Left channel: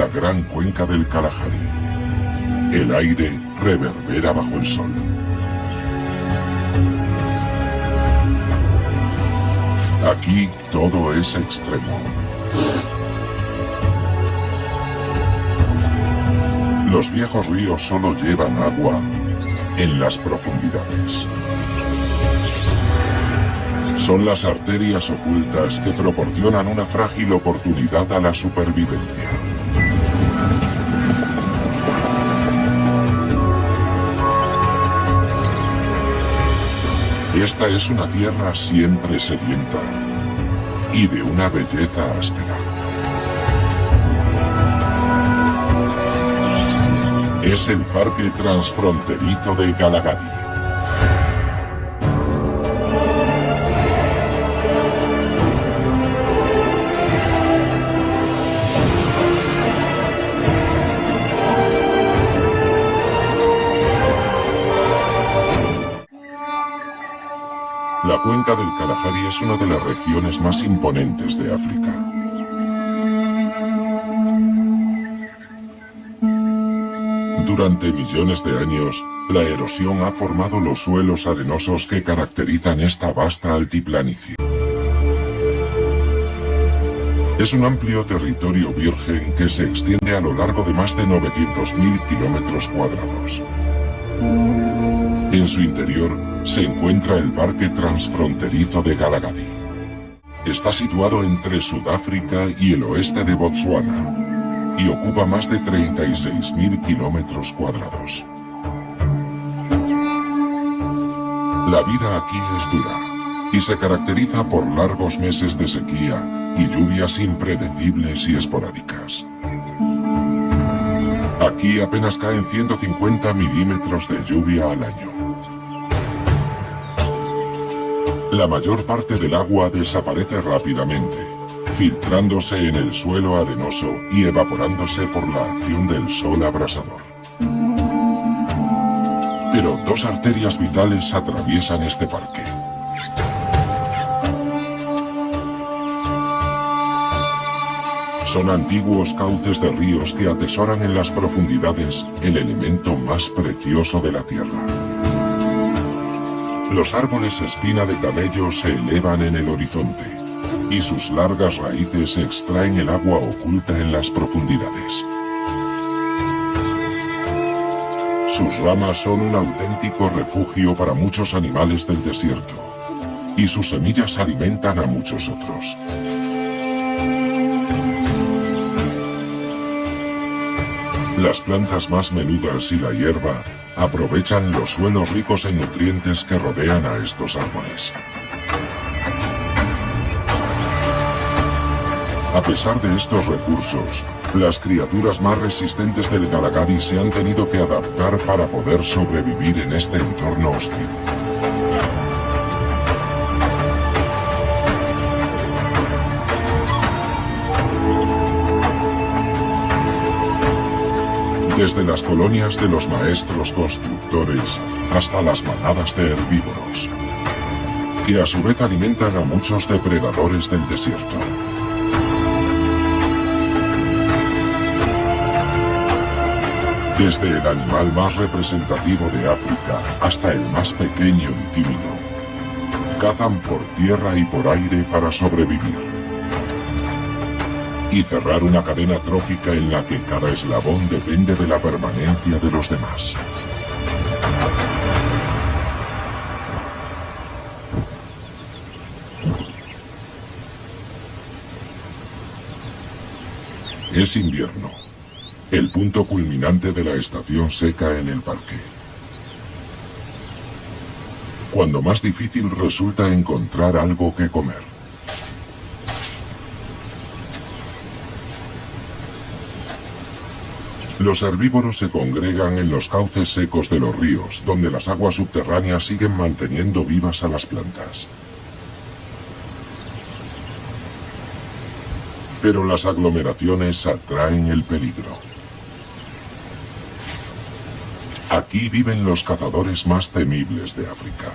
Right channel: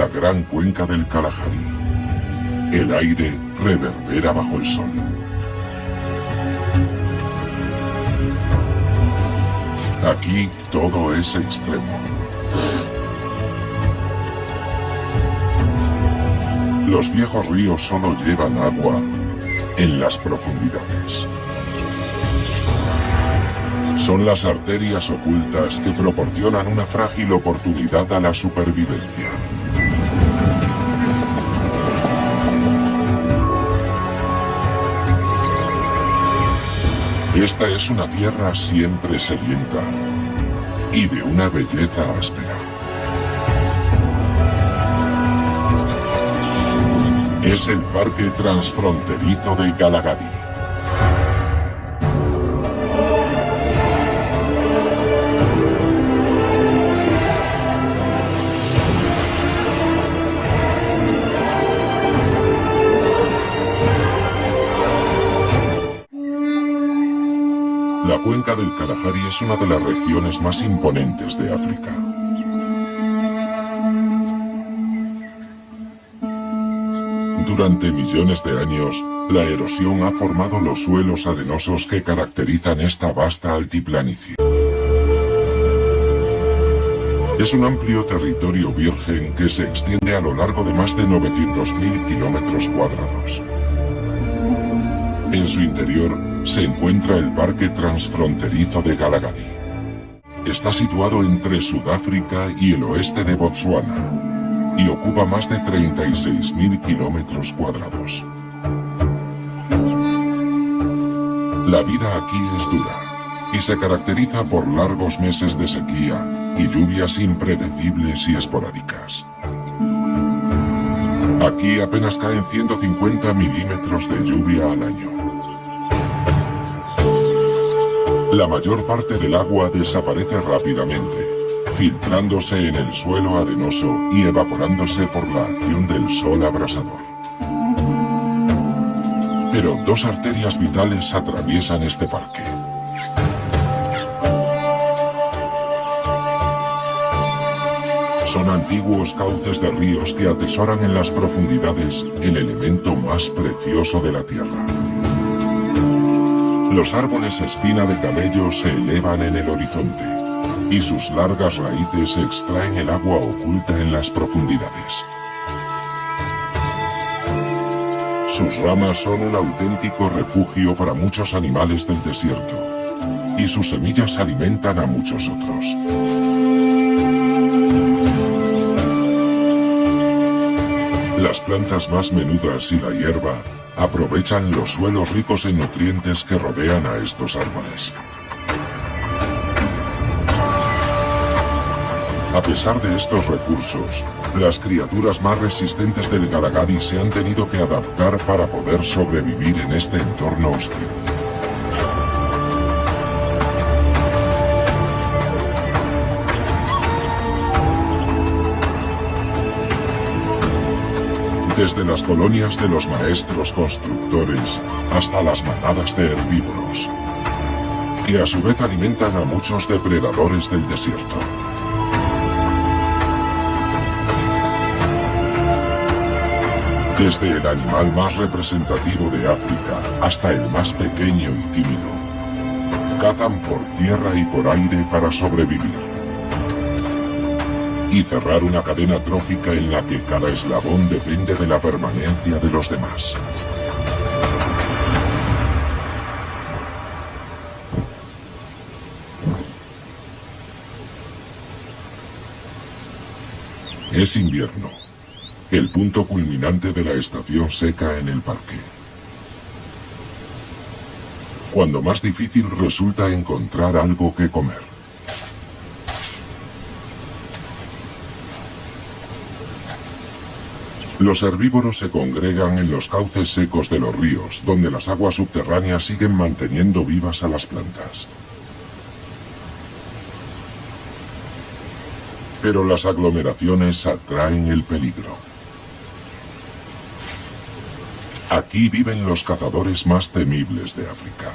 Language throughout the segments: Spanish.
la gran cuenca del Kalahari. El aire reverbera bajo el sol. Aquí todo es extremo. Los viejos ríos solo llevan agua en las profundidades. Son las arterias ocultas que proporcionan una frágil oportunidad a la supervivencia. Esta es una tierra siempre sedienta y de una belleza áspera. Es el Parque Transfronterizo de Galagadhi. La cuenca del Kalahari es una de las regiones más imponentes de África. Durante millones de años, la erosión ha formado los suelos arenosos que caracterizan esta vasta altiplanicie. Es un amplio territorio virgen que se extiende a lo largo de más de 900.000 kilómetros cuadrados. En su interior se encuentra el Parque Transfronterizo de Galagadhi. Está situado entre Sudáfrica y el oeste de Botsuana y ocupa más de 36.000 kilómetros cuadrados. La vida aquí es dura y se caracteriza por largos meses de sequía y lluvias impredecibles y esporádicas. Aquí apenas caen 150 milímetros de lluvia al año. La mayor parte del agua desaparece rápidamente, filtrándose en el suelo arenoso y evaporándose por la acción del sol abrasador. Pero dos arterias vitales atraviesan este parque. Son antiguos cauces de ríos que atesoran en las profundidades el elemento más precioso de la tierra. Los árboles espina de camello se elevan en el horizonte y sus largas raíces extraen el agua oculta en las profundidades. Sus ramas son un auténtico refugio para muchos animales del desierto y sus semillas alimentan a muchos otros. Las plantas más menudas y la hierba aprovechan los suelos ricos en nutrientes que rodean a estos árboles. A pesar de estos recursos, las criaturas más resistentes del Galagadhi se han tenido que adaptar para poder sobrevivir en este entorno hostil. Desde las colonias de los maestros constructores hasta las manadas de herbívoros, que a su vez alimentan a muchos depredadores del desierto. Desde el animal más representativo de África hasta el más pequeño y tímido, cazan por tierra y por aire para sobrevivir y cerrar una cadena trófica en la que cada eslabón depende de la permanencia de los demás. Es invierno, el punto culminante de la estación seca en el parque, cuando más difícil resulta encontrar algo que comer. Los herbívoros se congregan en los cauces secos de los ríos, donde las aguas subterráneas siguen manteniendo vivas a las plantas. Pero las aglomeraciones atraen el peligro. Aquí viven los cazadores más temibles de África.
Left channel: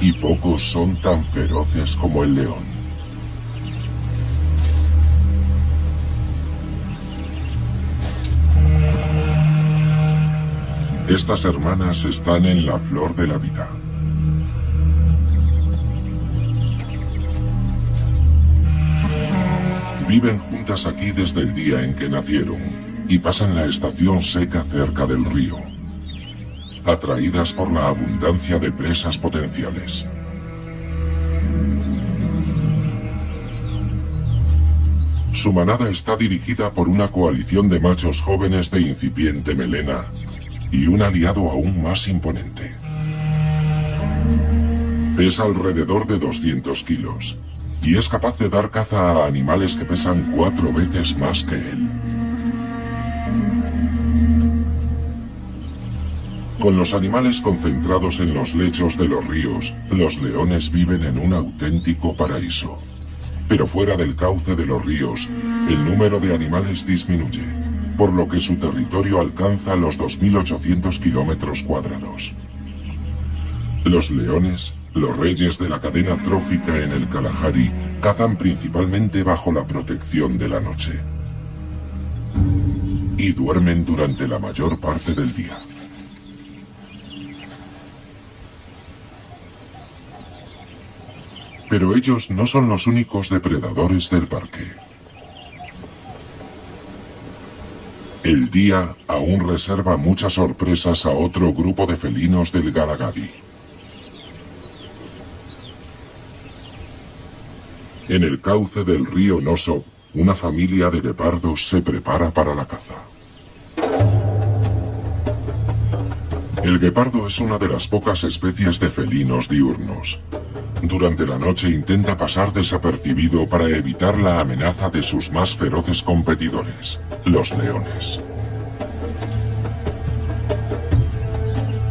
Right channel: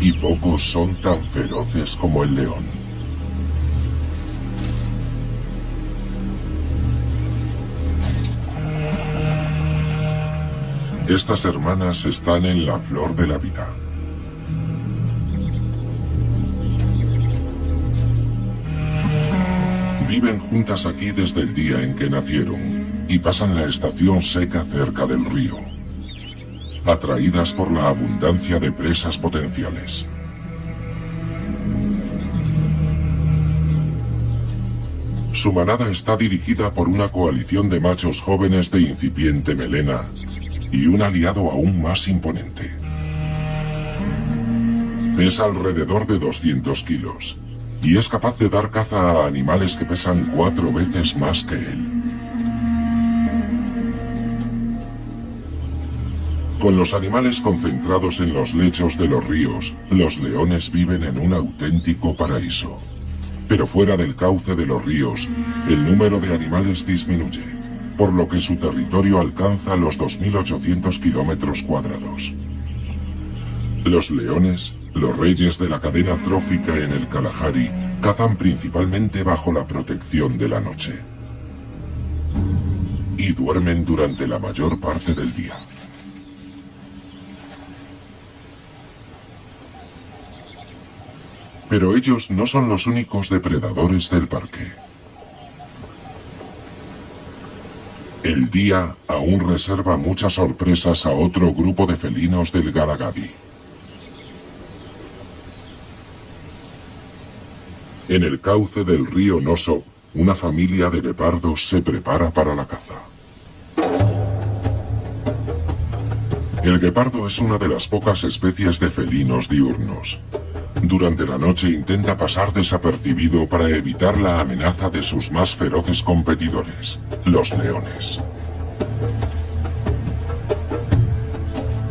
Y pocos son tan feroces como el león. Estas hermanas están en la flor de la vida. Viven juntas aquí desde el día en que nacieron y pasan la estación seca cerca del río, atraídas por la abundancia de presas potenciales. Su manada está dirigida por una coalición de machos jóvenes de incipiente melena y un aliado aún más imponente. Pesa alrededor de 200 kilos y es capaz de dar caza a animales que pesan 4 veces más que él. Con los animales concentrados en los lechos de los ríos, los leones viven en un auténtico paraíso. Pero fuera del cauce de los ríos, el número de animales disminuye, por lo que su territorio alcanza los 2.800 kilómetros cuadrados. Los leones, los reyes de la cadena trófica en el Kalahari, cazan principalmente bajo la protección de la noche. Y duermen durante la mayor parte del día. Pero ellos no son los únicos depredadores del parque. El día aún reserva muchas sorpresas a otro grupo de felinos del Galagadi. En el cauce del río Noso, una familia de guepardos se prepara para la caza. El guepardo es una de las pocas especies de felinos diurnos. Durante la noche intenta pasar desapercibido para evitar la amenaza de sus más feroces competidores, los leones.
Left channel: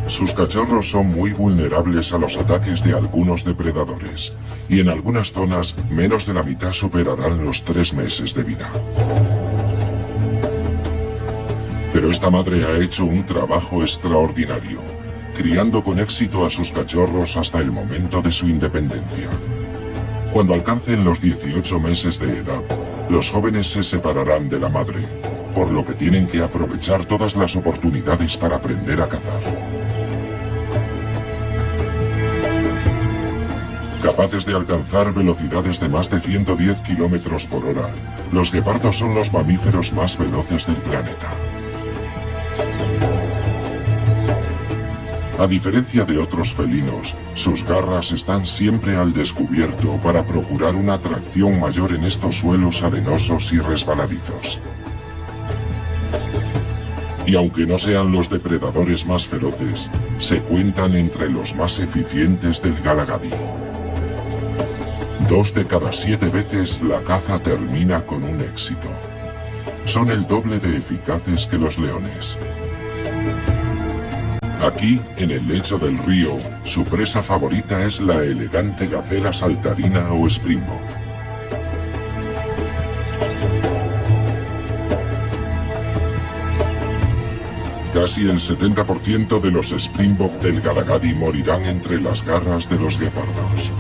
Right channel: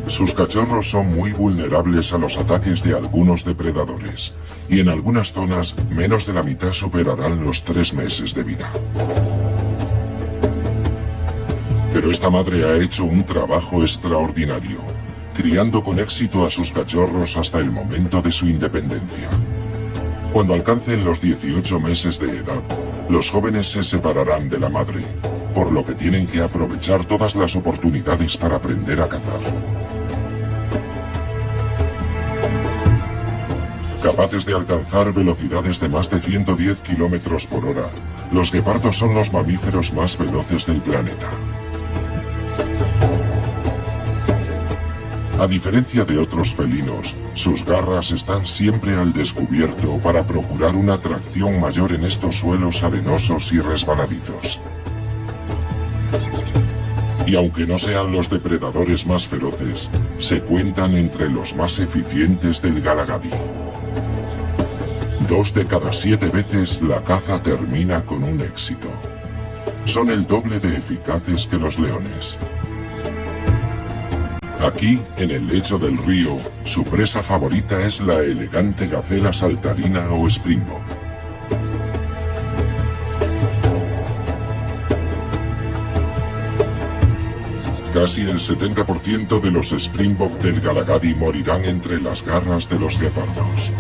Sus cachorros son muy vulnerables a los ataques de algunos depredadores, y en algunas zonas menos de la mitad superarán los 3 meses de vida. Pero esta madre ha hecho un trabajo extraordinario, criando con éxito a sus cachorros hasta el momento de su independencia. Cuando alcancen los 18 meses de edad, los jóvenes se separarán de la madre, por lo que tienen que aprovechar todas las oportunidades para aprender a cazar. Capaces de alcanzar velocidades de más de 110 kilómetros por hora, los guepardos son los mamíferos más veloces del planeta. A diferencia de otros felinos, sus garras están siempre al descubierto para procurar una tracción mayor en estos suelos arenosos y resbaladizos. Y aunque no sean los depredadores más feroces, se cuentan entre los más eficientes del Galagadi. 2 de cada 7 veces la caza termina con un éxito. Son el doble de eficaces que los leones. Aquí, en el lecho del río, su presa favorita es la elegante gacela saltarina o springbok. Casi el 70% de los springbok del Galagadi morirán entre las garras de los guepardos.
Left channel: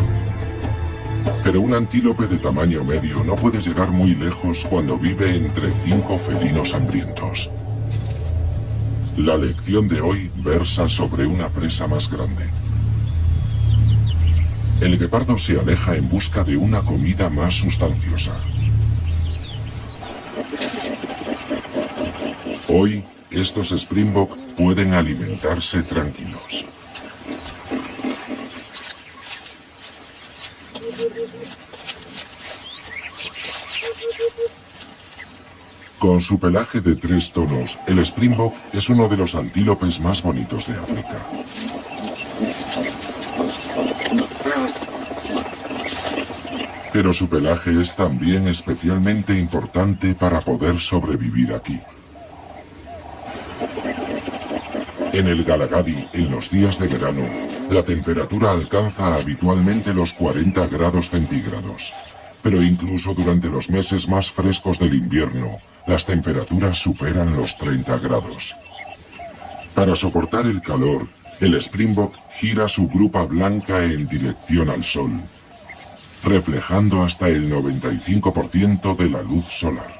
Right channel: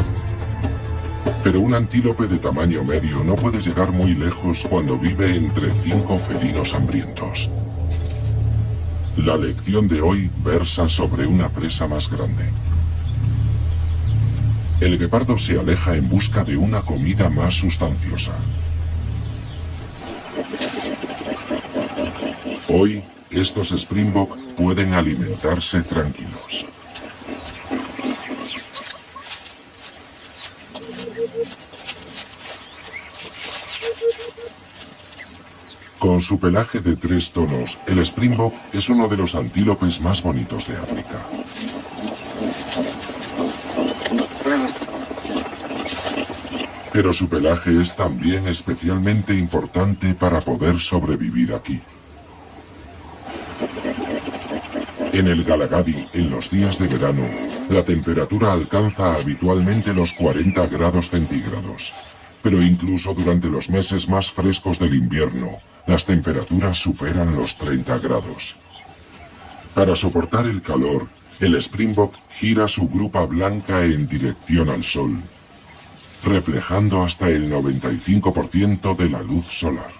Pero un antílope de tamaño medio no puede llegar muy lejos cuando vive entre 5 felinos hambrientos. La lección de hoy versa sobre una presa más grande. El guepardo se aleja en busca de una comida más sustanciosa. Hoy, estos springbok pueden alimentarse tranquilos. Con su pelaje de 3 tonos, el springbok es uno de los antílopes más bonitos de África. Pero su pelaje es también especialmente importante para poder sobrevivir aquí. En el Galagadi, en los días de verano, la temperatura alcanza habitualmente los 40 grados centígrados. Pero incluso durante los meses más frescos del invierno, las temperaturas superan los 30 grados. Para soportar el calor, el springbok gira su grupa blanca en dirección al sol, reflejando hasta el 95% de la luz solar.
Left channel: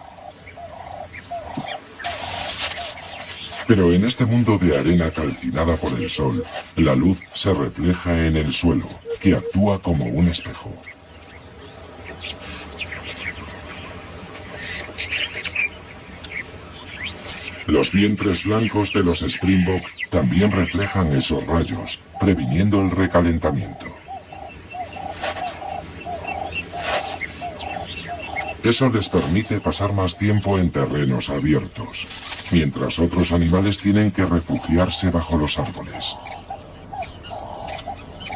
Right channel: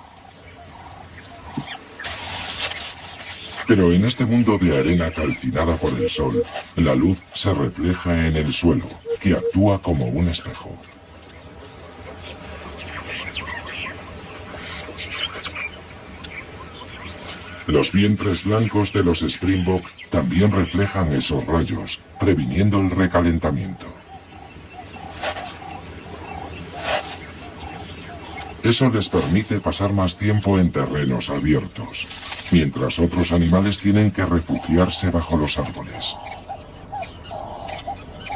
Pero en este mundo de arena calcinada por el sol, la luz se refleja en el suelo, que actúa como un espejo. Los vientres blancos de los Springbok también reflejan esos rayos, previniendo el recalentamiento. Eso les permite pasar más tiempo en terrenos abiertos, mientras otros animales tienen que refugiarse bajo los árboles.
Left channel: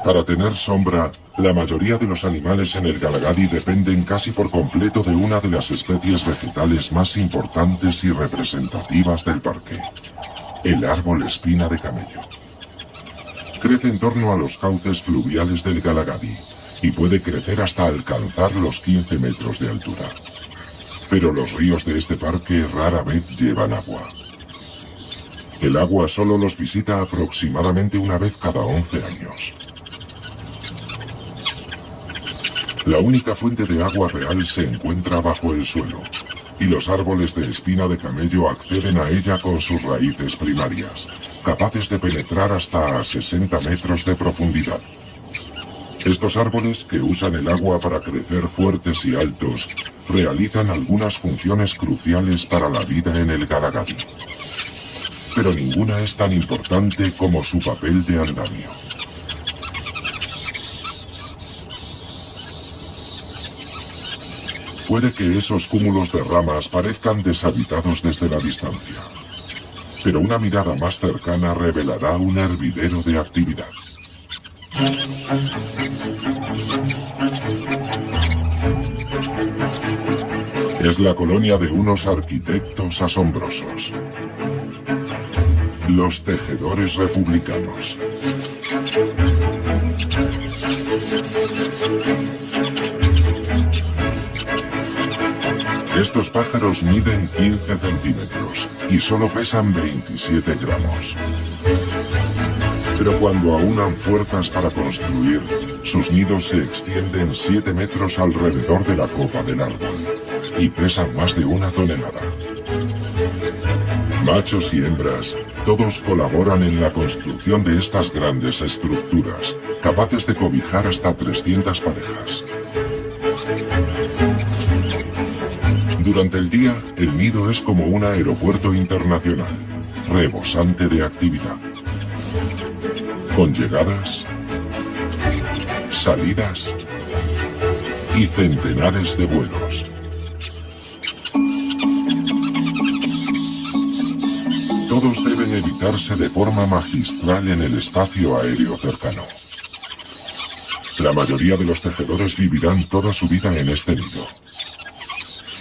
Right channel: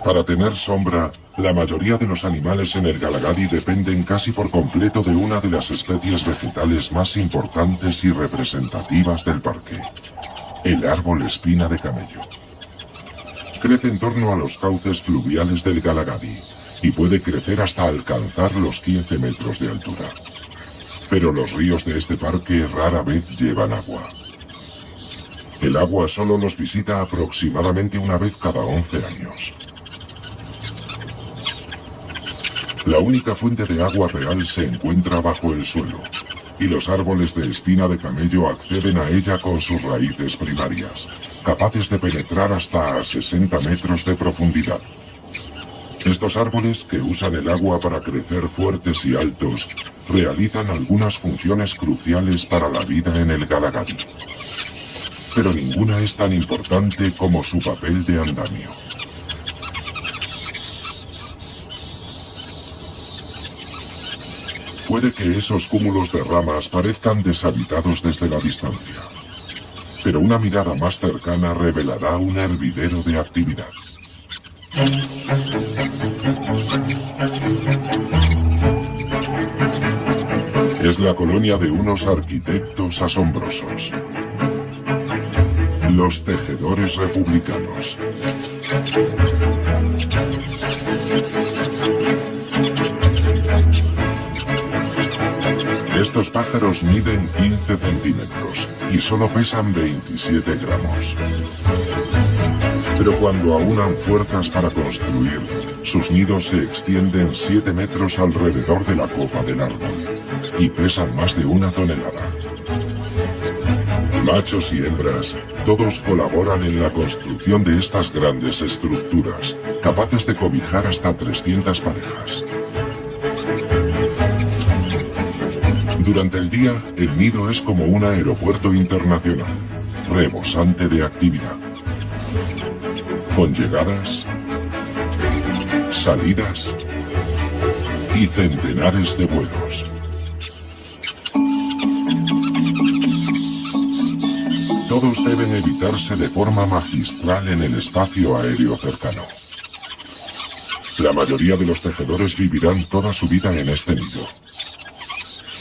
Para tener sombra, la mayoría de los animales en el Galagadi dependen casi por completo de una de las especies vegetales más importantes y representativas del parque, el árbol espina de camello. Crece en torno a los cauces fluviales del Galagadi y puede crecer hasta alcanzar los 15 metros de altura. Pero los ríos de este parque rara vez llevan agua. El agua solo los visita aproximadamente una vez cada 11 años. La única fuente de agua real se encuentra bajo el suelo, y los árboles de espina de camello acceden a ella con sus raíces primarias, capaces de penetrar hasta a 60 metros de profundidad. Estos árboles, que usan el agua para crecer fuertes y altos, realizan algunas funciones cruciales para la vida en el Galagadi. Pero ninguna es tan importante como su papel de andamio. Puede que esos cúmulos de ramas parezcan deshabitados desde la distancia, pero una mirada más cercana revelará un hervidero de actividad. Es la colonia de unos arquitectos asombrosos, los tejedores republicanos. Estos pájaros miden 15 centímetros y solo pesan 27 gramos. Pero cuando aunan fuerzas para construir, sus nidos se extienden 7 metros alrededor de la copa del árbol y pesan más de 1 tonelada. Machos y hembras, todos colaboran en la construcción de estas grandes estructuras, capaces de cobijar hasta 300 parejas. Durante el día, el nido es como un aeropuerto internacional, rebosante de actividad, con llegadas, salidas y centenares de vuelos. Todos deben evitarse de forma magistral en el espacio aéreo cercano. La mayoría de los tejedores vivirán toda su vida en este nido.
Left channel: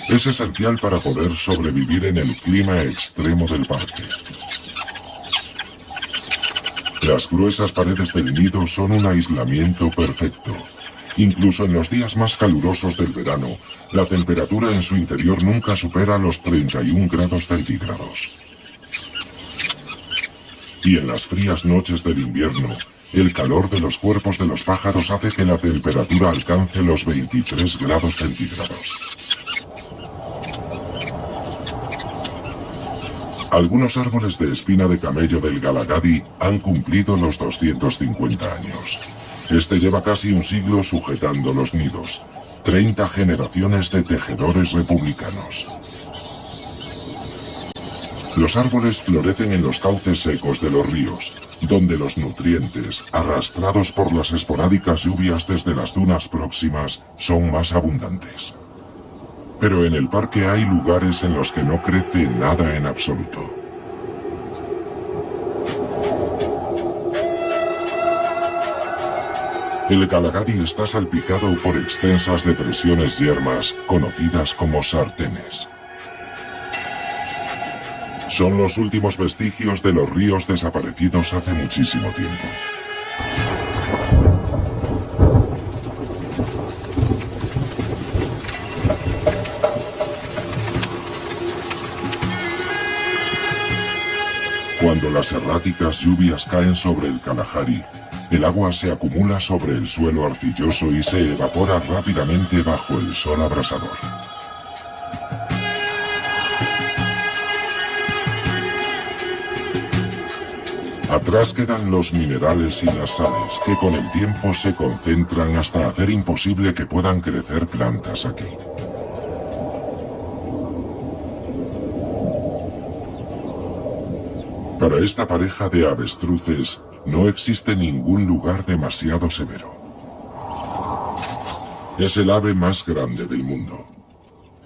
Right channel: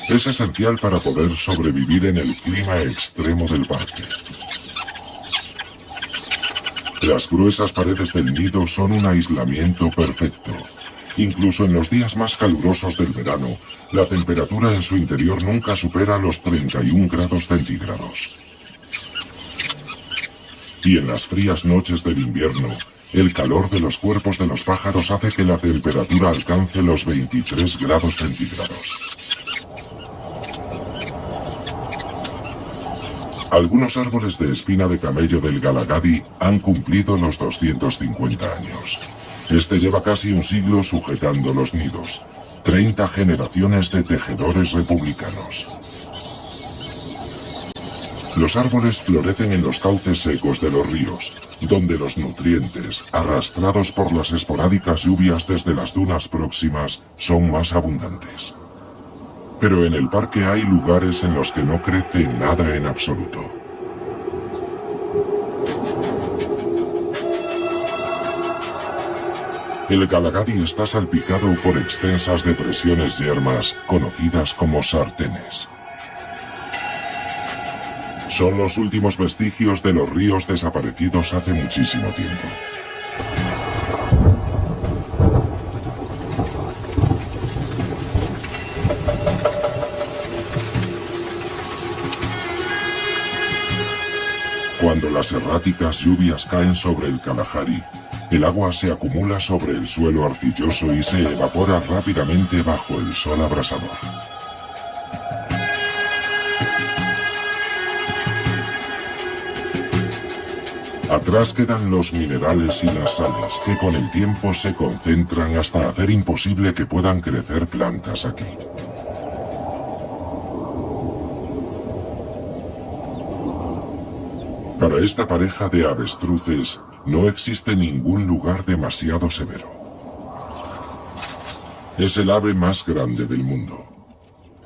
Es esencial para poder sobrevivir en el clima extremo del parque. Las gruesas paredes del nido son un aislamiento perfecto. Incluso en los días más calurosos del verano, la temperatura en su interior nunca supera los 31 grados centígrados. Y en las frías noches del invierno, el calor de los cuerpos de los pájaros hace que la temperatura alcance los 23 grados centígrados. Algunos árboles de espina de camello del Galagadi han cumplido los 250 años. Este lleva casi un siglo sujetando los nidos. 30 generaciones de tejedores republicanos. Los árboles florecen en los cauces secos de los ríos, donde los nutrientes, arrastrados por las esporádicas lluvias desde las dunas próximas, son más abundantes. Pero en el parque hay lugares en los que no crece nada en absoluto. El Galagadi está salpicado por extensas depresiones yermas conocidas como sartenes. Son los últimos vestigios de los ríos desaparecidos hace muchísimo tiempo. Cuando las erráticas lluvias caen sobre el Kalahari, el agua se acumula sobre el suelo arcilloso y se evapora rápidamente bajo el sol abrasador. Atrás quedan los minerales y las sales, que con el tiempo se concentran hasta hacer imposible que puedan crecer plantas aquí. Para esta pareja de avestruces, no existe ningún lugar demasiado severo. Es el ave más grande del mundo.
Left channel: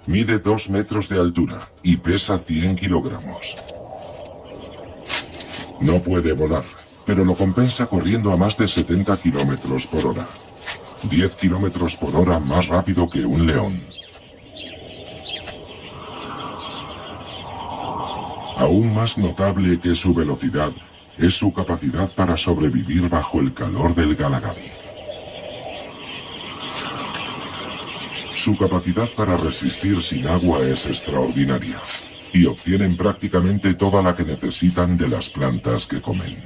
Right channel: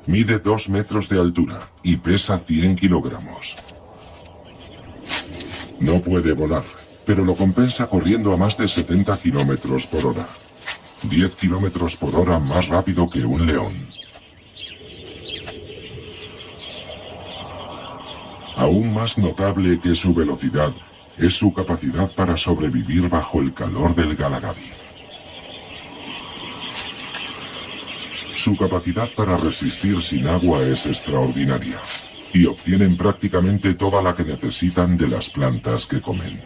Mide 2 metros de altura y pesa 100 kilogramos. No puede volar, pero lo compensa corriendo a más de 70 kilómetros por hora. 10 kilómetros por hora más rápido que un león. Aún más notable que su velocidad es su capacidad para sobrevivir bajo el calor del Galagadi. Su capacidad para resistir sin agua es extraordinaria, y obtienen prácticamente toda la que necesitan de las plantas que comen.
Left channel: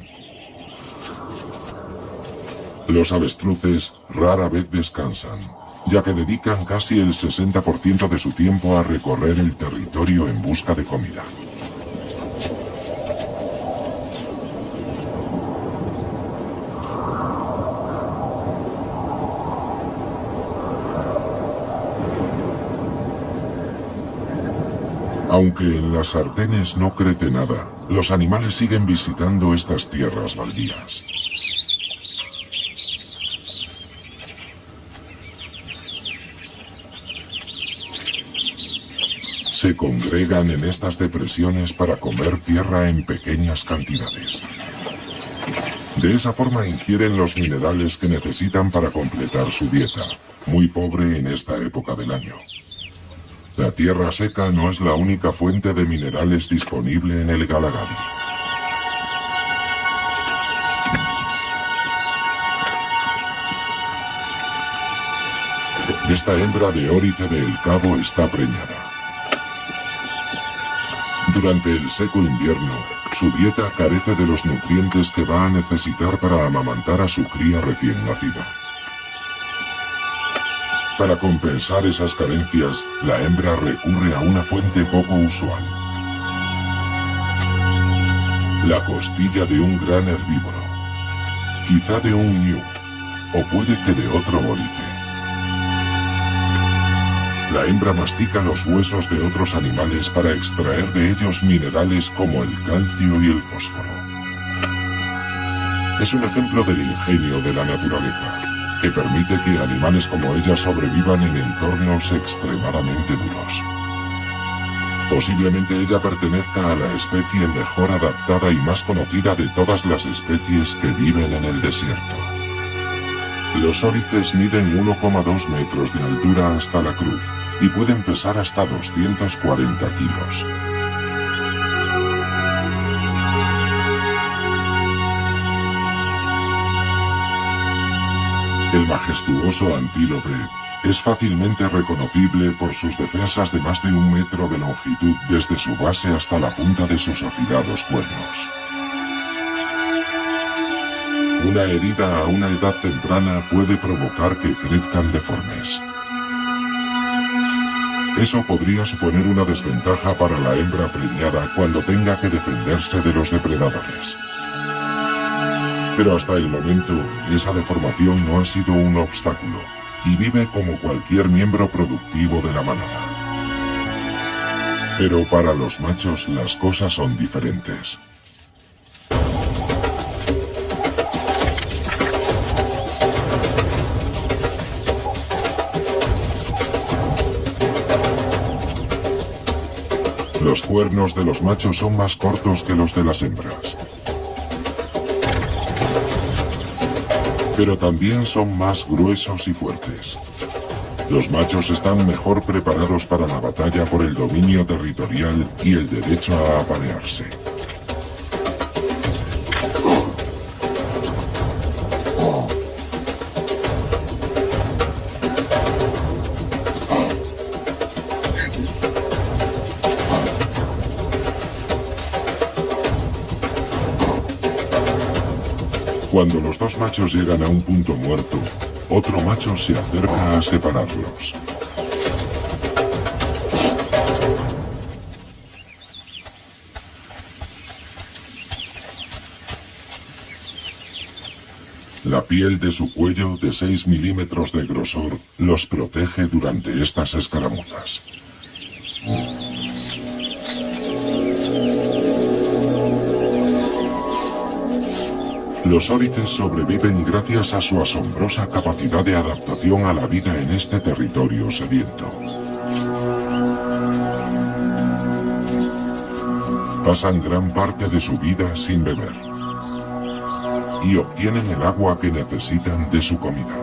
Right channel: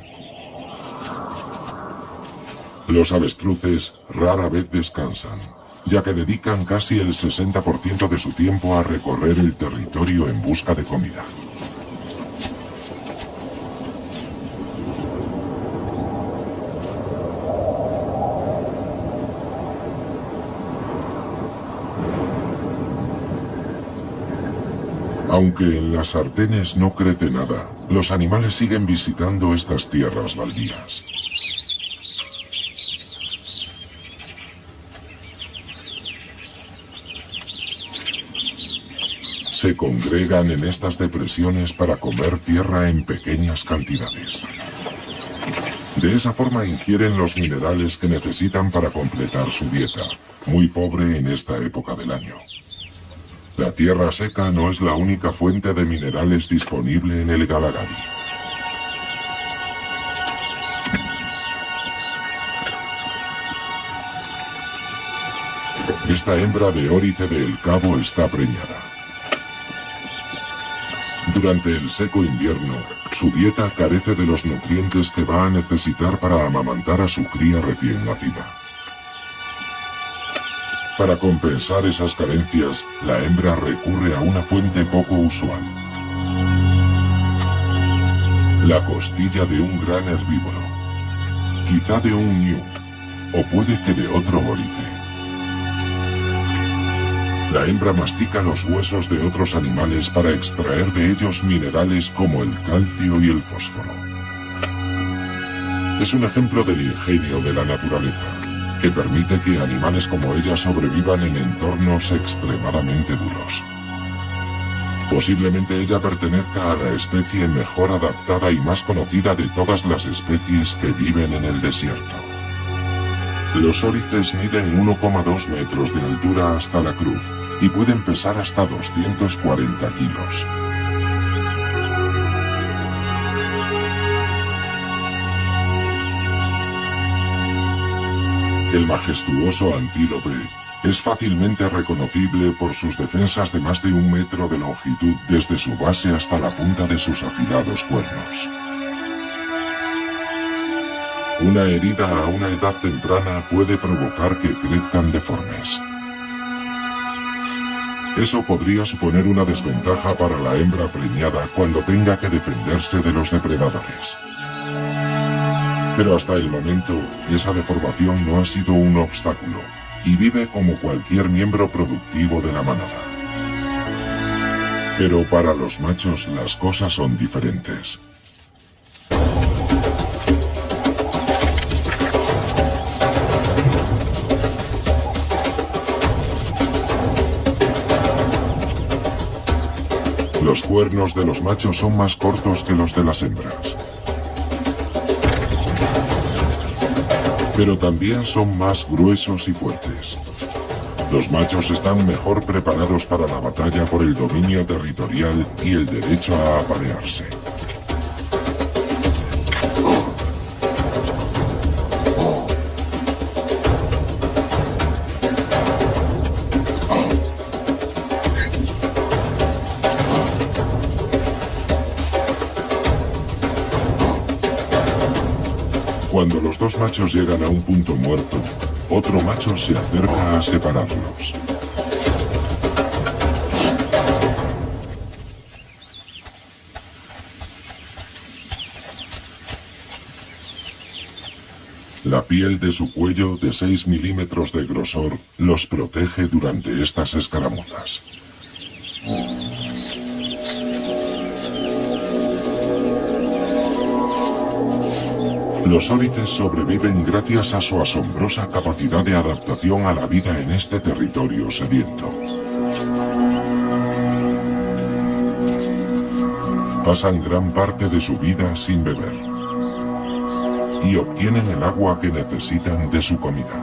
Los avestruces rara vez descansan, ya que dedican casi el 60% de su tiempo a recorrer el territorio en busca de comida. Aunque en las sartenes no crece nada, los animales siguen visitando estas tierras baldías. Se congregan en estas depresiones para comer tierra en pequeñas cantidades. De esa forma ingieren los minerales que necesitan para completar su dieta, muy pobre en esta época del año. La tierra seca no es la única fuente de minerales disponible en el Galagadi. Esta hembra de órice de El Cabo está preñada. Durante el seco invierno, su dieta carece de los nutrientes que va a necesitar para amamantar a su cría recién nacida. Para compensar esas carencias, la hembra recurre a una fuente poco usual. La costilla de un gran herbívoro. Quizá de un ñu, o puede que de otro órice. La hembra mastica los huesos de otros animales para extraer de ellos minerales como el calcio y el fósforo. Es un ejemplo del ingenio de la naturaleza, que permite que animales como ella sobrevivan en entornos extremadamente duros. Posiblemente ella pertenezca a la especie mejor adaptada y más conocida de todas las especies que viven en el desierto. Los órices miden 1,2 metros de altura hasta la cruz y pueden pesar hasta 240 kilos. El majestuoso antílope es fácilmente reconocible por sus defensas de más de 1 metro de longitud desde su base hasta la punta de sus afilados cuernos. Una herida a una edad temprana puede provocar que crezcan deformes. Eso podría suponer una desventaja para la hembra preñada cuando tenga que defenderse de los depredadores. Pero hasta el momento, esa deformación no ha sido un obstáculo, y vive como cualquier miembro productivo de la manada. Pero para los machos las cosas son diferentes. Los cuernos de los machos son más cortos que los de las hembras. Pero también son más gruesos y fuertes. Los machos están mejor preparados para la batalla por el dominio territorial y el derecho a aparearse. Cuando los dos machos llegan a un punto muerto, otro macho se acerca a separarlos. La piel de su cuello de 6 milímetros de grosor los protege durante estas escaramuzas. Los órices sobreviven gracias a su asombrosa capacidad de adaptación a la vida en este territorio sediento. Pasan gran parte de su vida sin beber y obtienen el agua que necesitan de su comida.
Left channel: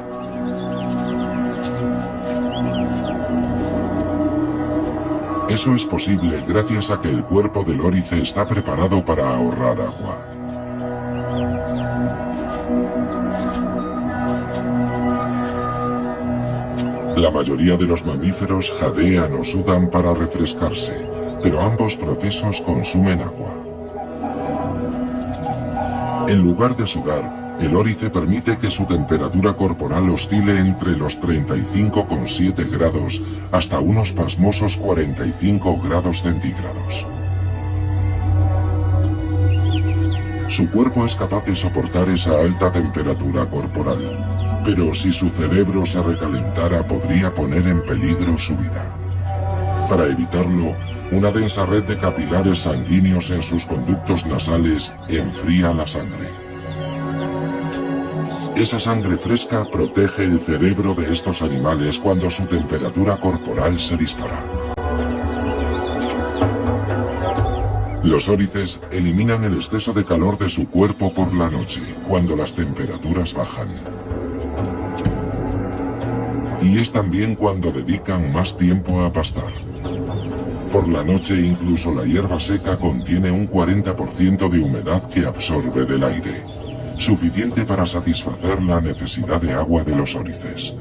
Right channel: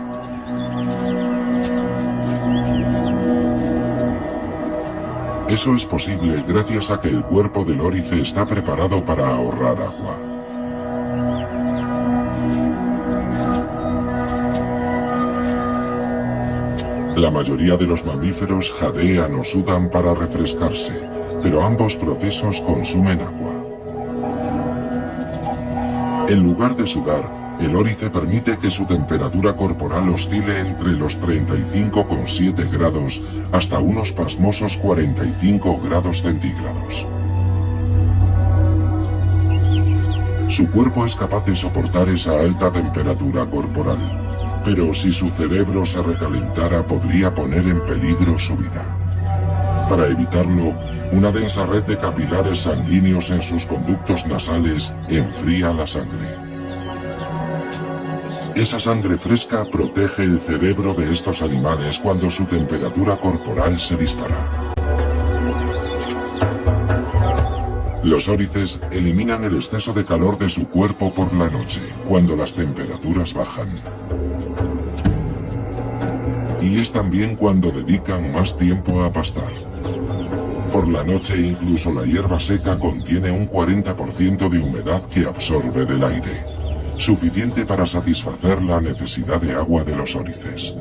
Eso es posible gracias a que el cuerpo del órice está preparado para ahorrar agua. La mayoría de los mamíferos jadean o sudan para refrescarse, pero ambos procesos consumen agua. En lugar de sudar, el órice permite que su temperatura corporal oscile entre los 35,7 grados hasta unos pasmosos 45 grados centígrados. Su cuerpo es capaz de soportar esa alta temperatura corporal, pero si su cerebro se recalentara podría poner en peligro su vida. Para evitarlo, una densa red de capilares sanguíneos en sus conductos nasales enfría la sangre. Esa sangre fresca protege el cerebro de estos animales cuando su temperatura corporal se dispara. Los órices eliminan el exceso de calor de su cuerpo por la noche, cuando las temperaturas bajan. Y es también cuando dedican más tiempo a pastar. Por la noche incluso la hierba seca contiene un 40% de humedad que absorbe del aire, suficiente para satisfacer la necesidad de agua de los órices.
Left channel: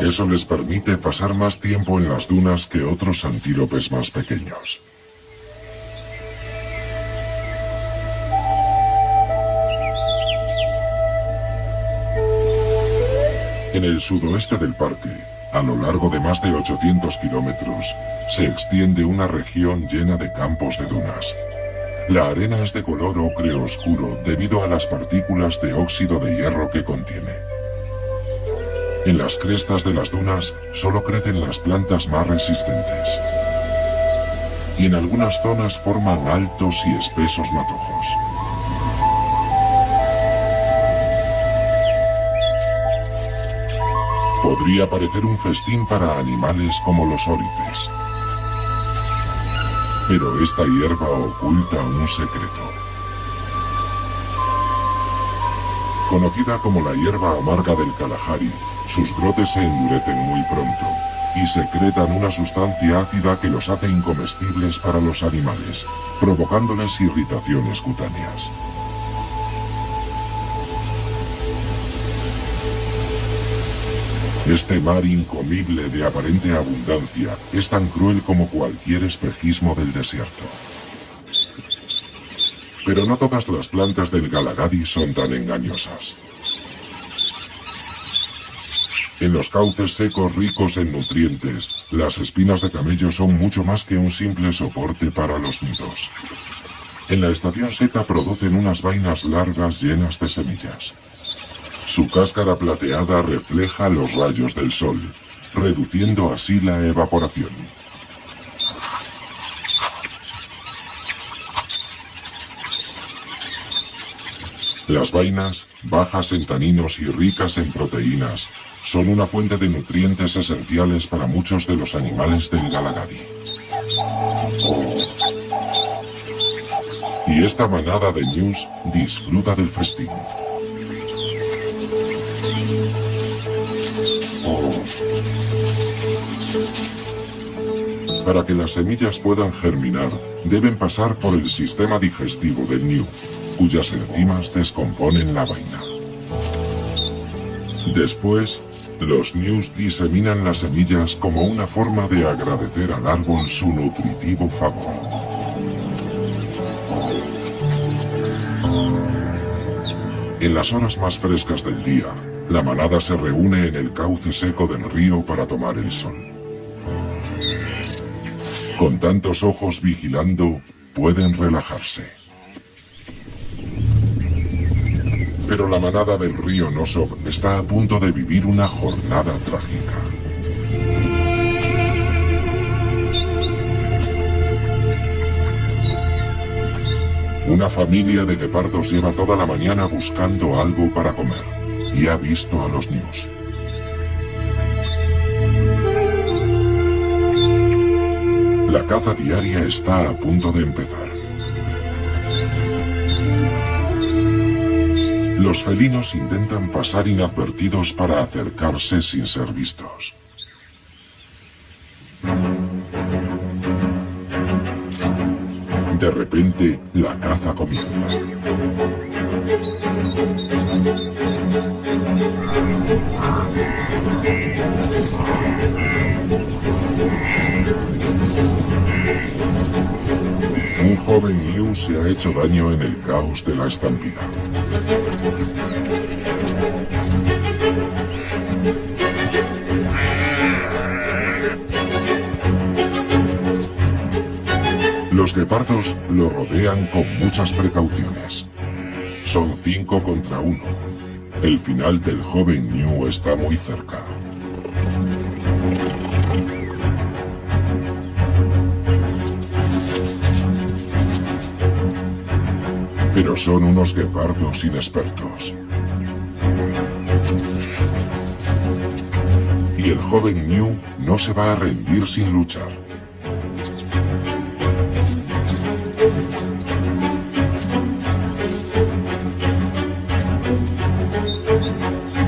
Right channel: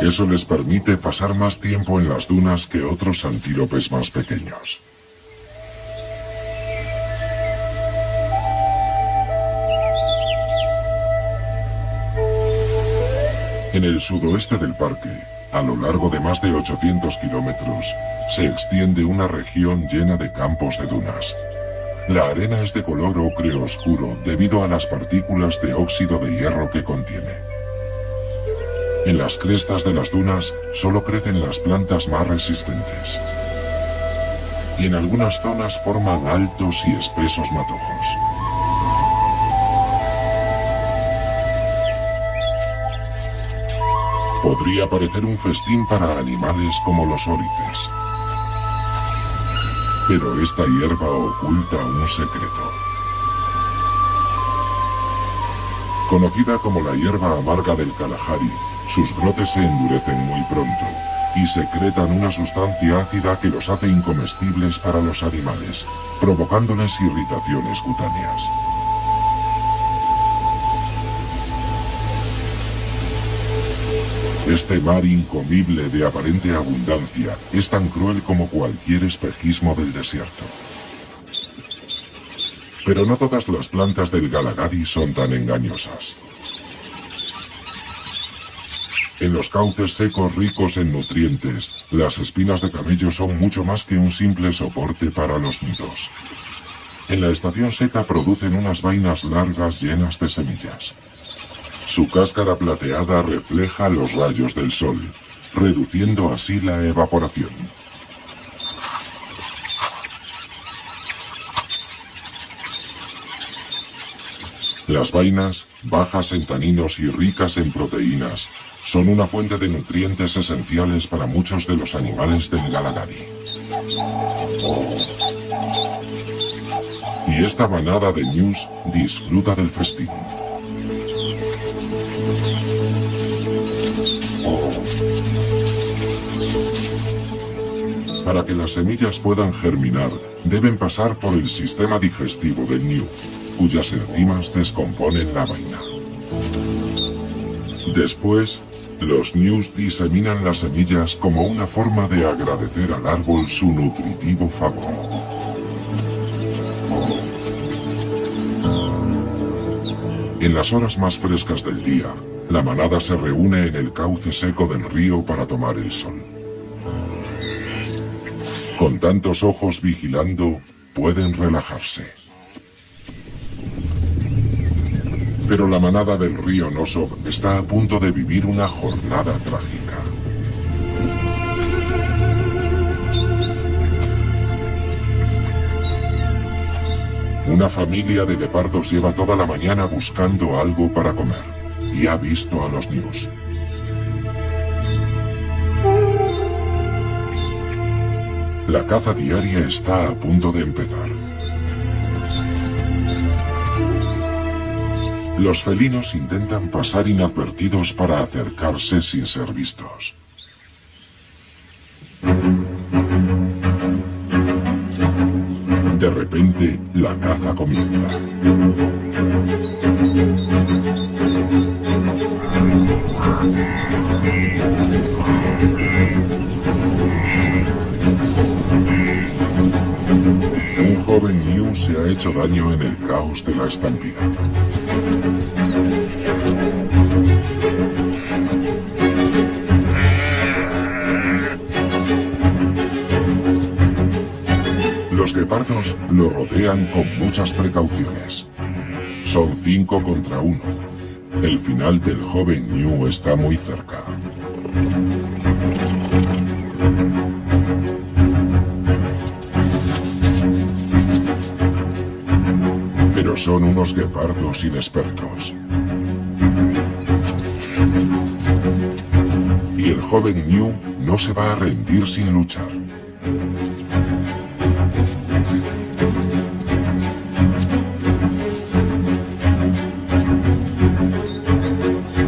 Eso les permite pasar más tiempo en las dunas que otros antílopes más pequeños. En el sudoeste del parque, a lo largo de más de 800 kilómetros, se extiende una región llena de campos de dunas. La arena es de color ocre oscuro debido a las partículas de óxido de hierro que contiene. En las crestas de las dunas solo crecen las plantas más resistentes. Y en algunas zonas forman altos y espesos matojos. Podría parecer un festín para animales como los órices. Pero esta hierba oculta un secreto. Conocida como la hierba amarga del Kalahari, sus brotes se endurecen muy pronto y secretan una sustancia ácida que los hace incomestibles para los animales, provocándoles irritaciones cutáneas. Este mar incomible de aparente abundancia es tan cruel como cualquier espejismo del desierto. Pero no todas las plantas del Galagadi son tan engañosas. En los cauces secos ricos en nutrientes, las espinas de camello son mucho más que un simple soporte para los nidos. En la estación seca producen unas vainas largas llenas de semillas. Su cáscara plateada refleja los rayos del sol, reduciendo así la evaporación. Las vainas, bajas en taninos y ricas en proteínas, son una fuente de nutrientes esenciales para muchos de los animales del Galagadi. Y esta manada de ñus disfruta del festín. Para que las semillas puedan germinar, deben pasar por el sistema digestivo del ñu, cuyas enzimas descomponen la vaina. Después, los ñus diseminan las semillas como una forma de agradecer al árbol su nutritivo favor. En las horas más frescas del día, la manada se reúne en el cauce seco del río para tomar el sol. Con tantos ojos vigilando, pueden relajarse. Pero la manada del río Nosov está a punto de vivir una jornada trágica. Una familia de guepardos lleva toda la mañana buscando algo para comer y ha visto a los ñus. La caza diaria está a punto de empezar. Los felinos intentan pasar inadvertidos para acercarse sin ser vistos. De repente, la caza comienza. Un joven ñu se ha hecho daño en el caos de la estampida. Los guepardos lo rodean con muchas precauciones. Son 5 contra 1. El final del joven ñu está muy cerca. Pero son unos guepardos inexpertos. Y el joven ñu no se va a rendir sin luchar.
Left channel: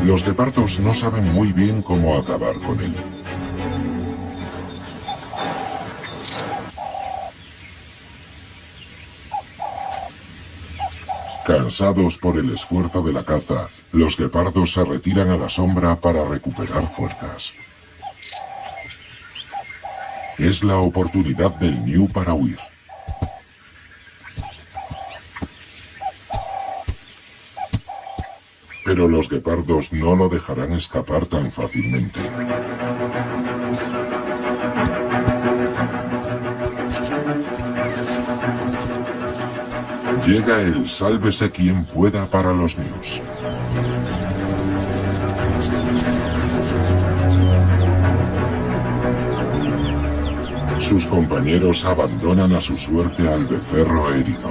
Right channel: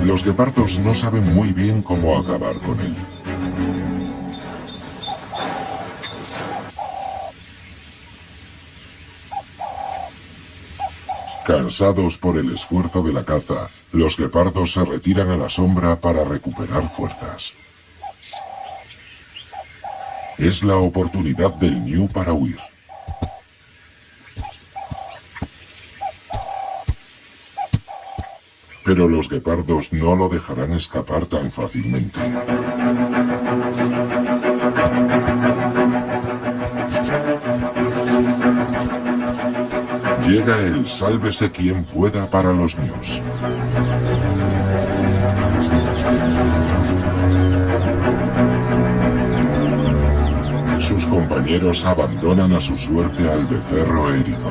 Los guepardos no saben muy bien cómo acabar con él. Cansados por el esfuerzo de la caza, los guepardos se retiran a la sombra para recuperar fuerzas. Es la oportunidad del ñu para huir. Pero los guepardos no lo dejarán escapar tan fácilmente. Llega el sálvese quien pueda para los ñus. Sus compañeros abandonan a su suerte al becerro herido.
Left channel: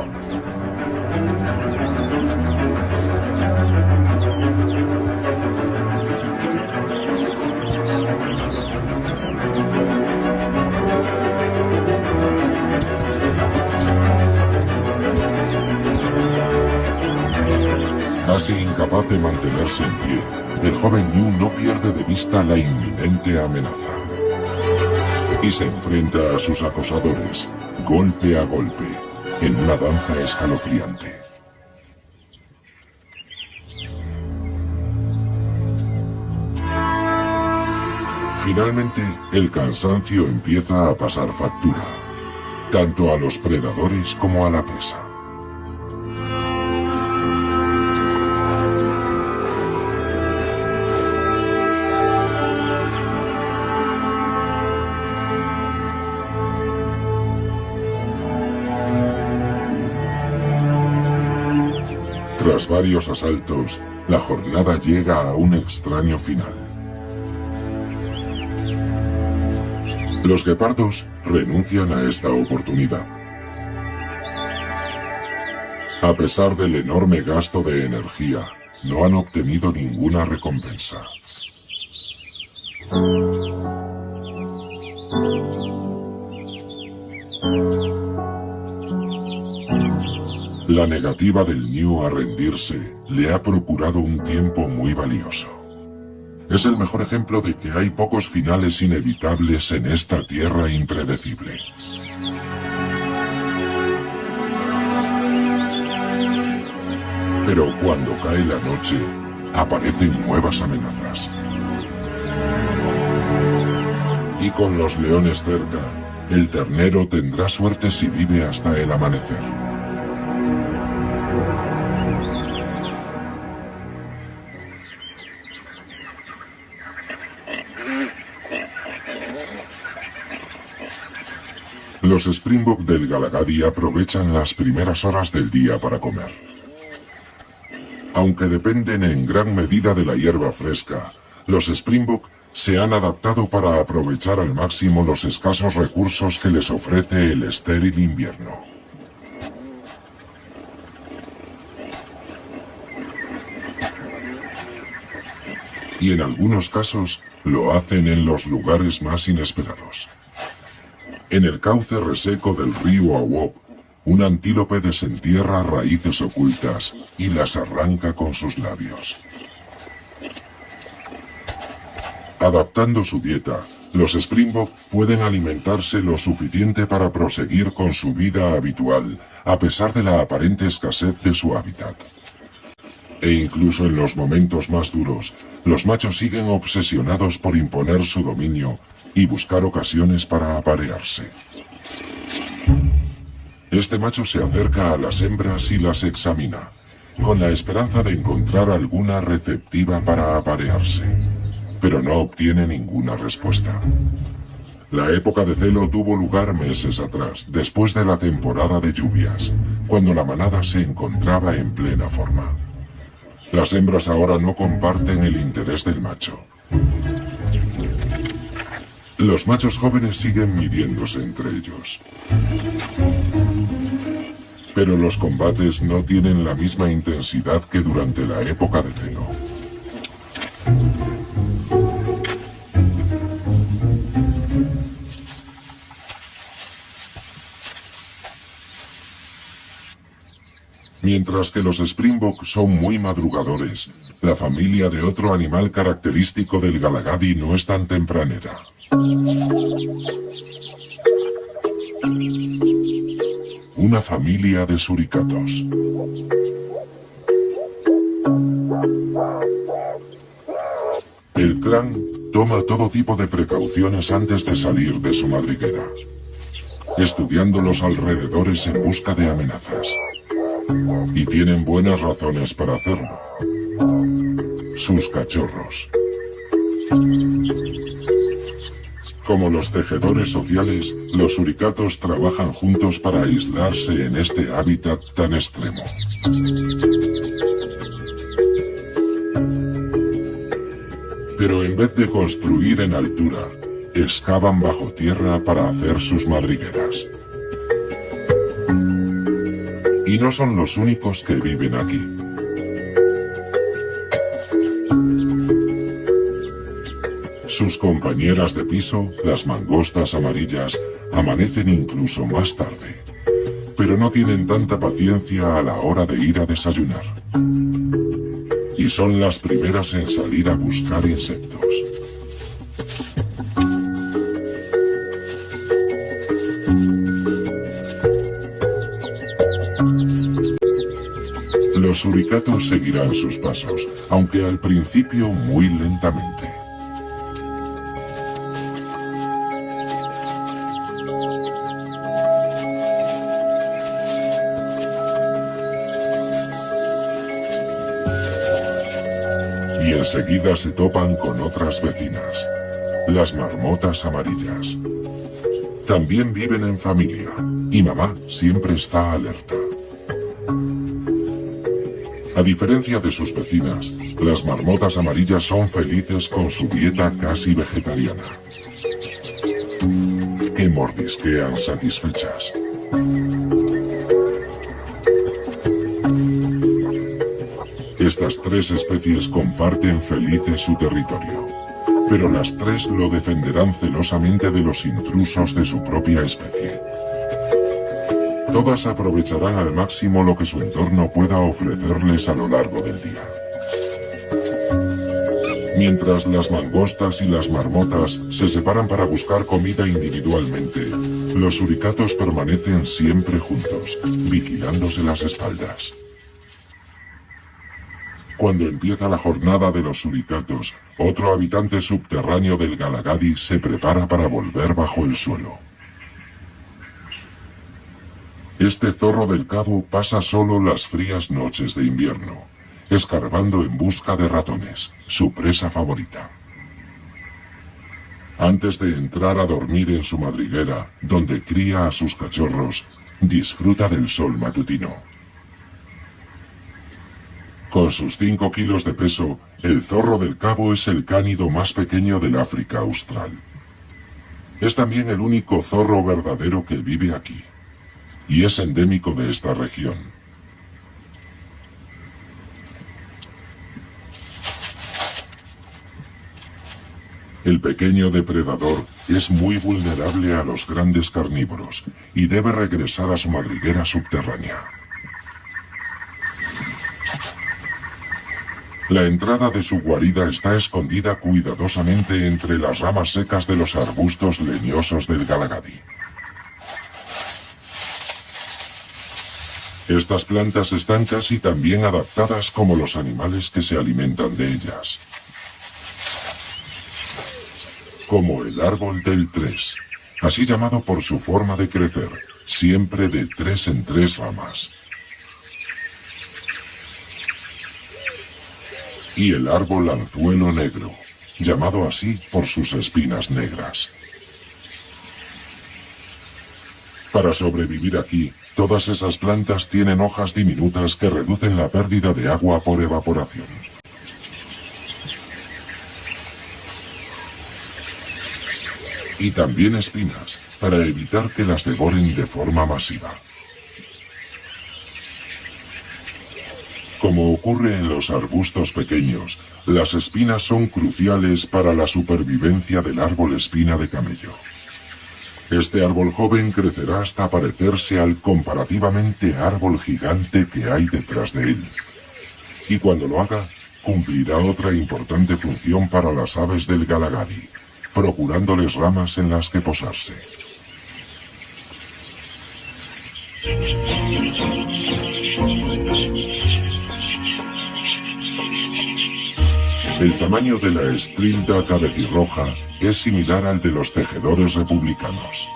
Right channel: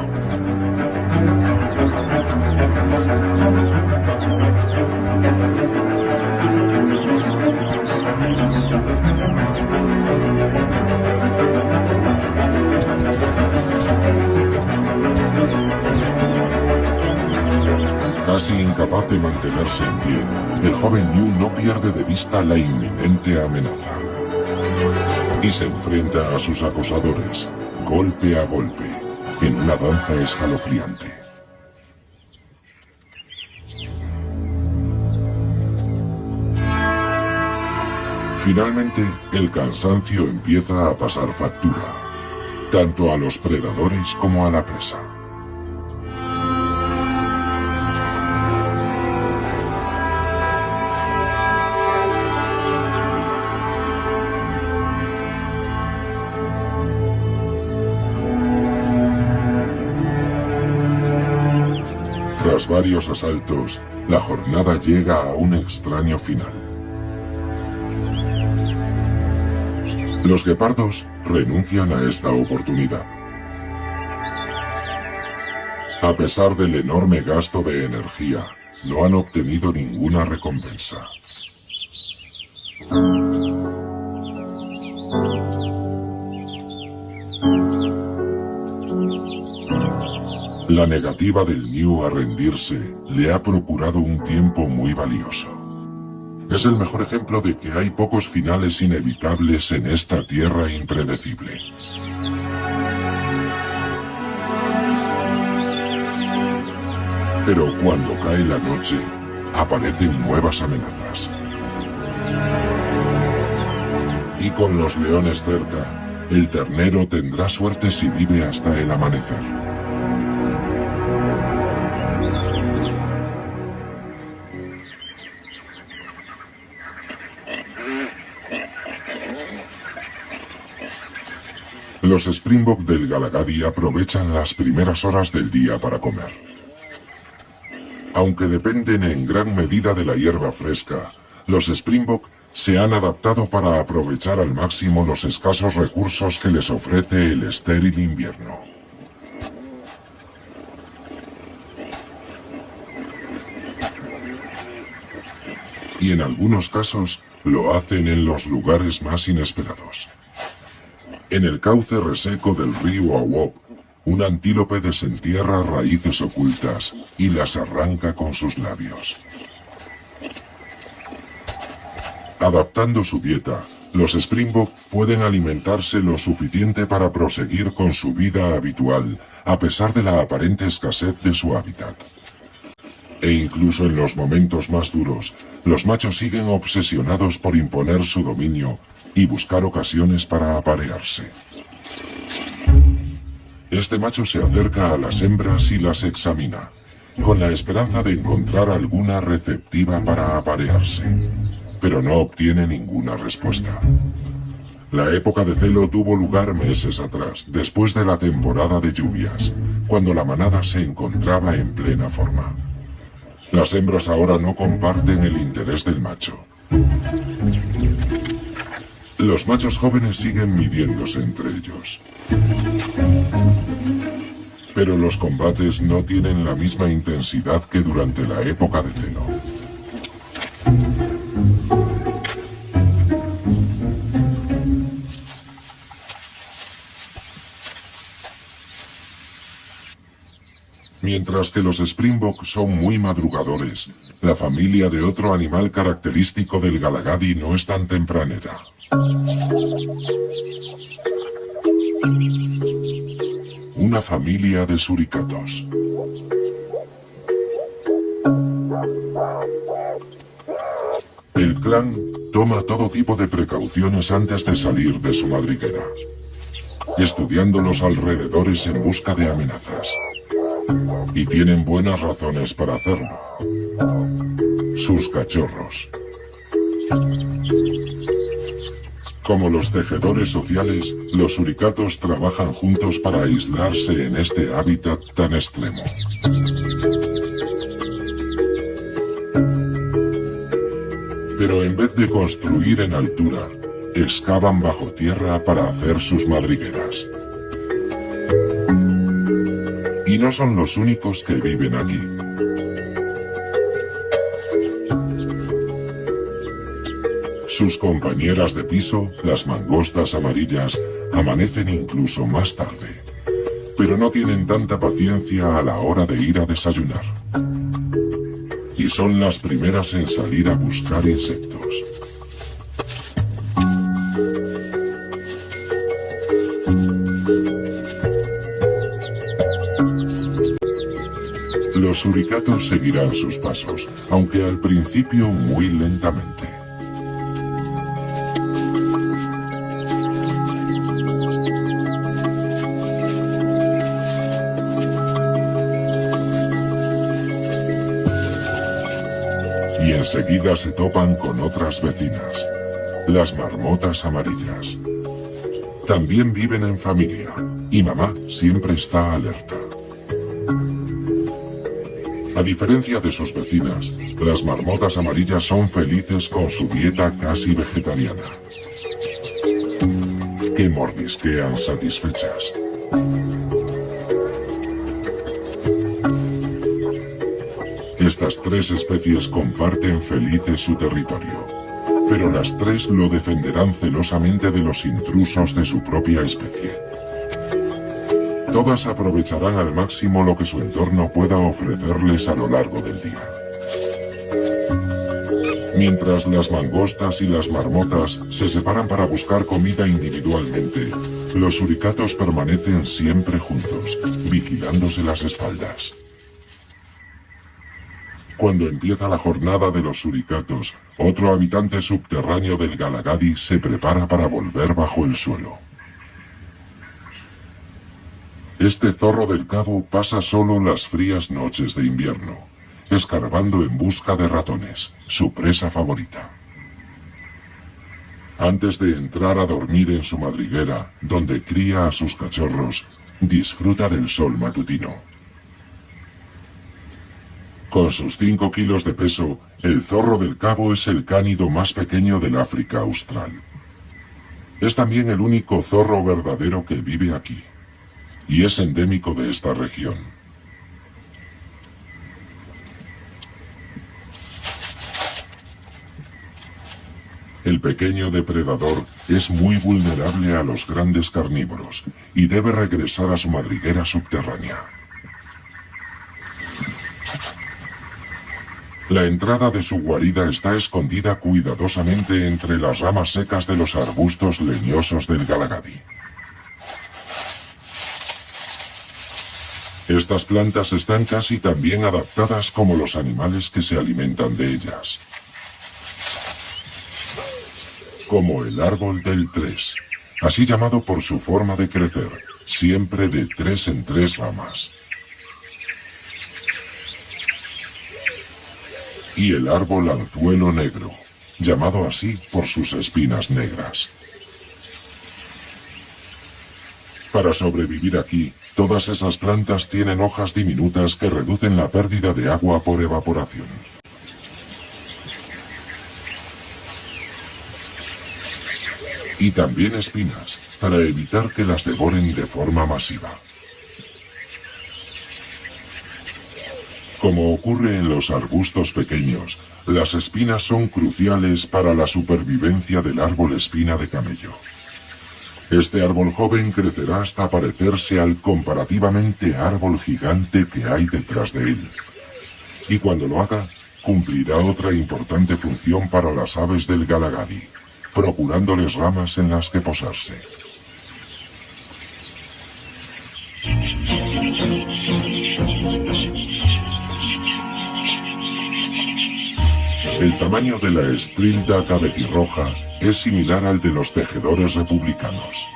Casi incapaz de mantenerse en pie, el joven ñu no pierde de vista la inminente amenaza. Y se enfrenta a sus acosadores, golpe a golpe, en una danza escalofriante. Finalmente, el cansancio empieza a pasar factura, tanto a los predadores como a la presa. Tras varios asaltos, la jornada llega a un extraño final. Los guepardos renuncian a esta oportunidad. A pesar del enorme gasto de energía, no han obtenido ninguna recompensa. La negativa del ñu a rendirse le ha procurado un tiempo muy valioso. Es el mejor ejemplo de que hay pocos finales inevitables en esta tierra impredecible. Pero cuando cae la noche, aparecen nuevas amenazas. Y con los leones cerca, el ternero tendrá suerte si vive hasta el amanecer. Los Springbok del Galagadi aprovechan las primeras horas del día para comer. Aunque dependen en gran medida de la hierba fresca, los Springbok se han adaptado para aprovechar al máximo los escasos recursos que les ofrece el estéril invierno. Y en algunos casos lo hacen en los lugares más inesperados. En el cauce reseco del río Awop, un antílope desentierra raíces ocultas y las arranca con sus labios. Adaptando su dieta, los Springbok pueden alimentarse lo suficiente para proseguir con su vida habitual, a pesar de la aparente escasez de su hábitat. E incluso en los momentos más duros, los machos siguen obsesionados por imponer su dominio y buscar ocasiones para aparearse. Este macho se acerca a las hembras y las examina, con la esperanza de encontrar alguna receptiva para aparearse, pero no obtiene ninguna respuesta. La época de celo tuvo lugar meses atrás, después de la temporada de lluvias, cuando la manada se encontraba en plena forma. Las hembras ahora no comparten el interés del macho. Los machos jóvenes siguen midiéndose entre ellos. Pero los combates no tienen la misma intensidad que durante la época de celo. Mientras que los Springbok son muy madrugadores, la familia de otro animal característico del Galagadi no es tan tempranera. Una familia de suricatos. El clan toma todo tipo de precauciones antes de salir de su madriguera, estudiando los alrededores en busca de amenazas. Y tienen buenas razones para hacerlo. Sus cachorros. Como los tejedores sociales, los suricatos trabajan juntos para aislarse en este hábitat tan extremo. Pero en vez de construir en altura, excavan bajo tierra para hacer sus madrigueras. Y no son los únicos que viven aquí. Sus compañeras de piso, las mangostas amarillas, amanecen incluso más tarde. Pero no tienen tanta paciencia a la hora de ir a desayunar. Y son las primeras en salir a buscar insectos. Los suricatos seguirán sus pasos, aunque al principio muy lentamente. Y enseguida se topan con otras vecinas, las marmotas amarillas. También viven en familia, y mamá siempre está alerta. A diferencia de sus vecinas, las marmotas amarillas son felices con su dieta casi vegetariana, que mordisquean satisfechas. Estas tres especies comparten felices su territorio, pero las tres lo defenderán celosamente de los intrusos de su propia especie. Todas aprovecharán al máximo lo que su entorno pueda ofrecerles a lo largo del día. Mientras las mangostas y las marmotas se separan para buscar comida individualmente, los suricatos permanecen siempre juntos, vigilándose las espaldas. Cuando empieza la jornada de los suricatos, otro habitante subterráneo del Galagadi se prepara para volver bajo el suelo. Este zorro del cabo pasa solo las frías noches de invierno, escarbando en busca de ratones, su presa favorita. Antes de entrar a dormir en su madriguera, donde cría a sus cachorros, disfruta del sol matutino. Con sus 5 kilos de peso, el zorro del cabo es el cánido más pequeño del África Austral. Es también el único zorro verdadero que vive aquí, y es endémico de esta región. El pequeño depredador es muy vulnerable a los grandes carnívoros y debe regresar a su madriguera subterránea. La entrada de su guarida está escondida cuidadosamente entre las ramas secas de los arbustos leñosos del Galagadi. Estas plantas están casi tan bien adaptadas como los animales que se alimentan de ellas. Como el árbol del 3, así llamado por su forma de crecer, siempre de 3 en 3 ramas. Y el árbol anzuelo negro, llamado así por sus espinas negras. Para sobrevivir aquí, todas esas plantas tienen hojas diminutas que reducen la pérdida de agua por evaporación. Y también espinas, para evitar que las devoren de forma masiva. Como ocurre en los arbustos pequeños, las espinas son cruciales para la supervivencia del árbol espina de camello. Este árbol joven crecerá hasta parecerse al comparativamente árbol gigante que hay detrás de él. Y cuando lo haga, cumplirá otra importante función para las aves del Galagadi, procurándoles ramas en las que posarse. El tamaño de la estrilda cabecirroja es similar al de los tejedores republicanos.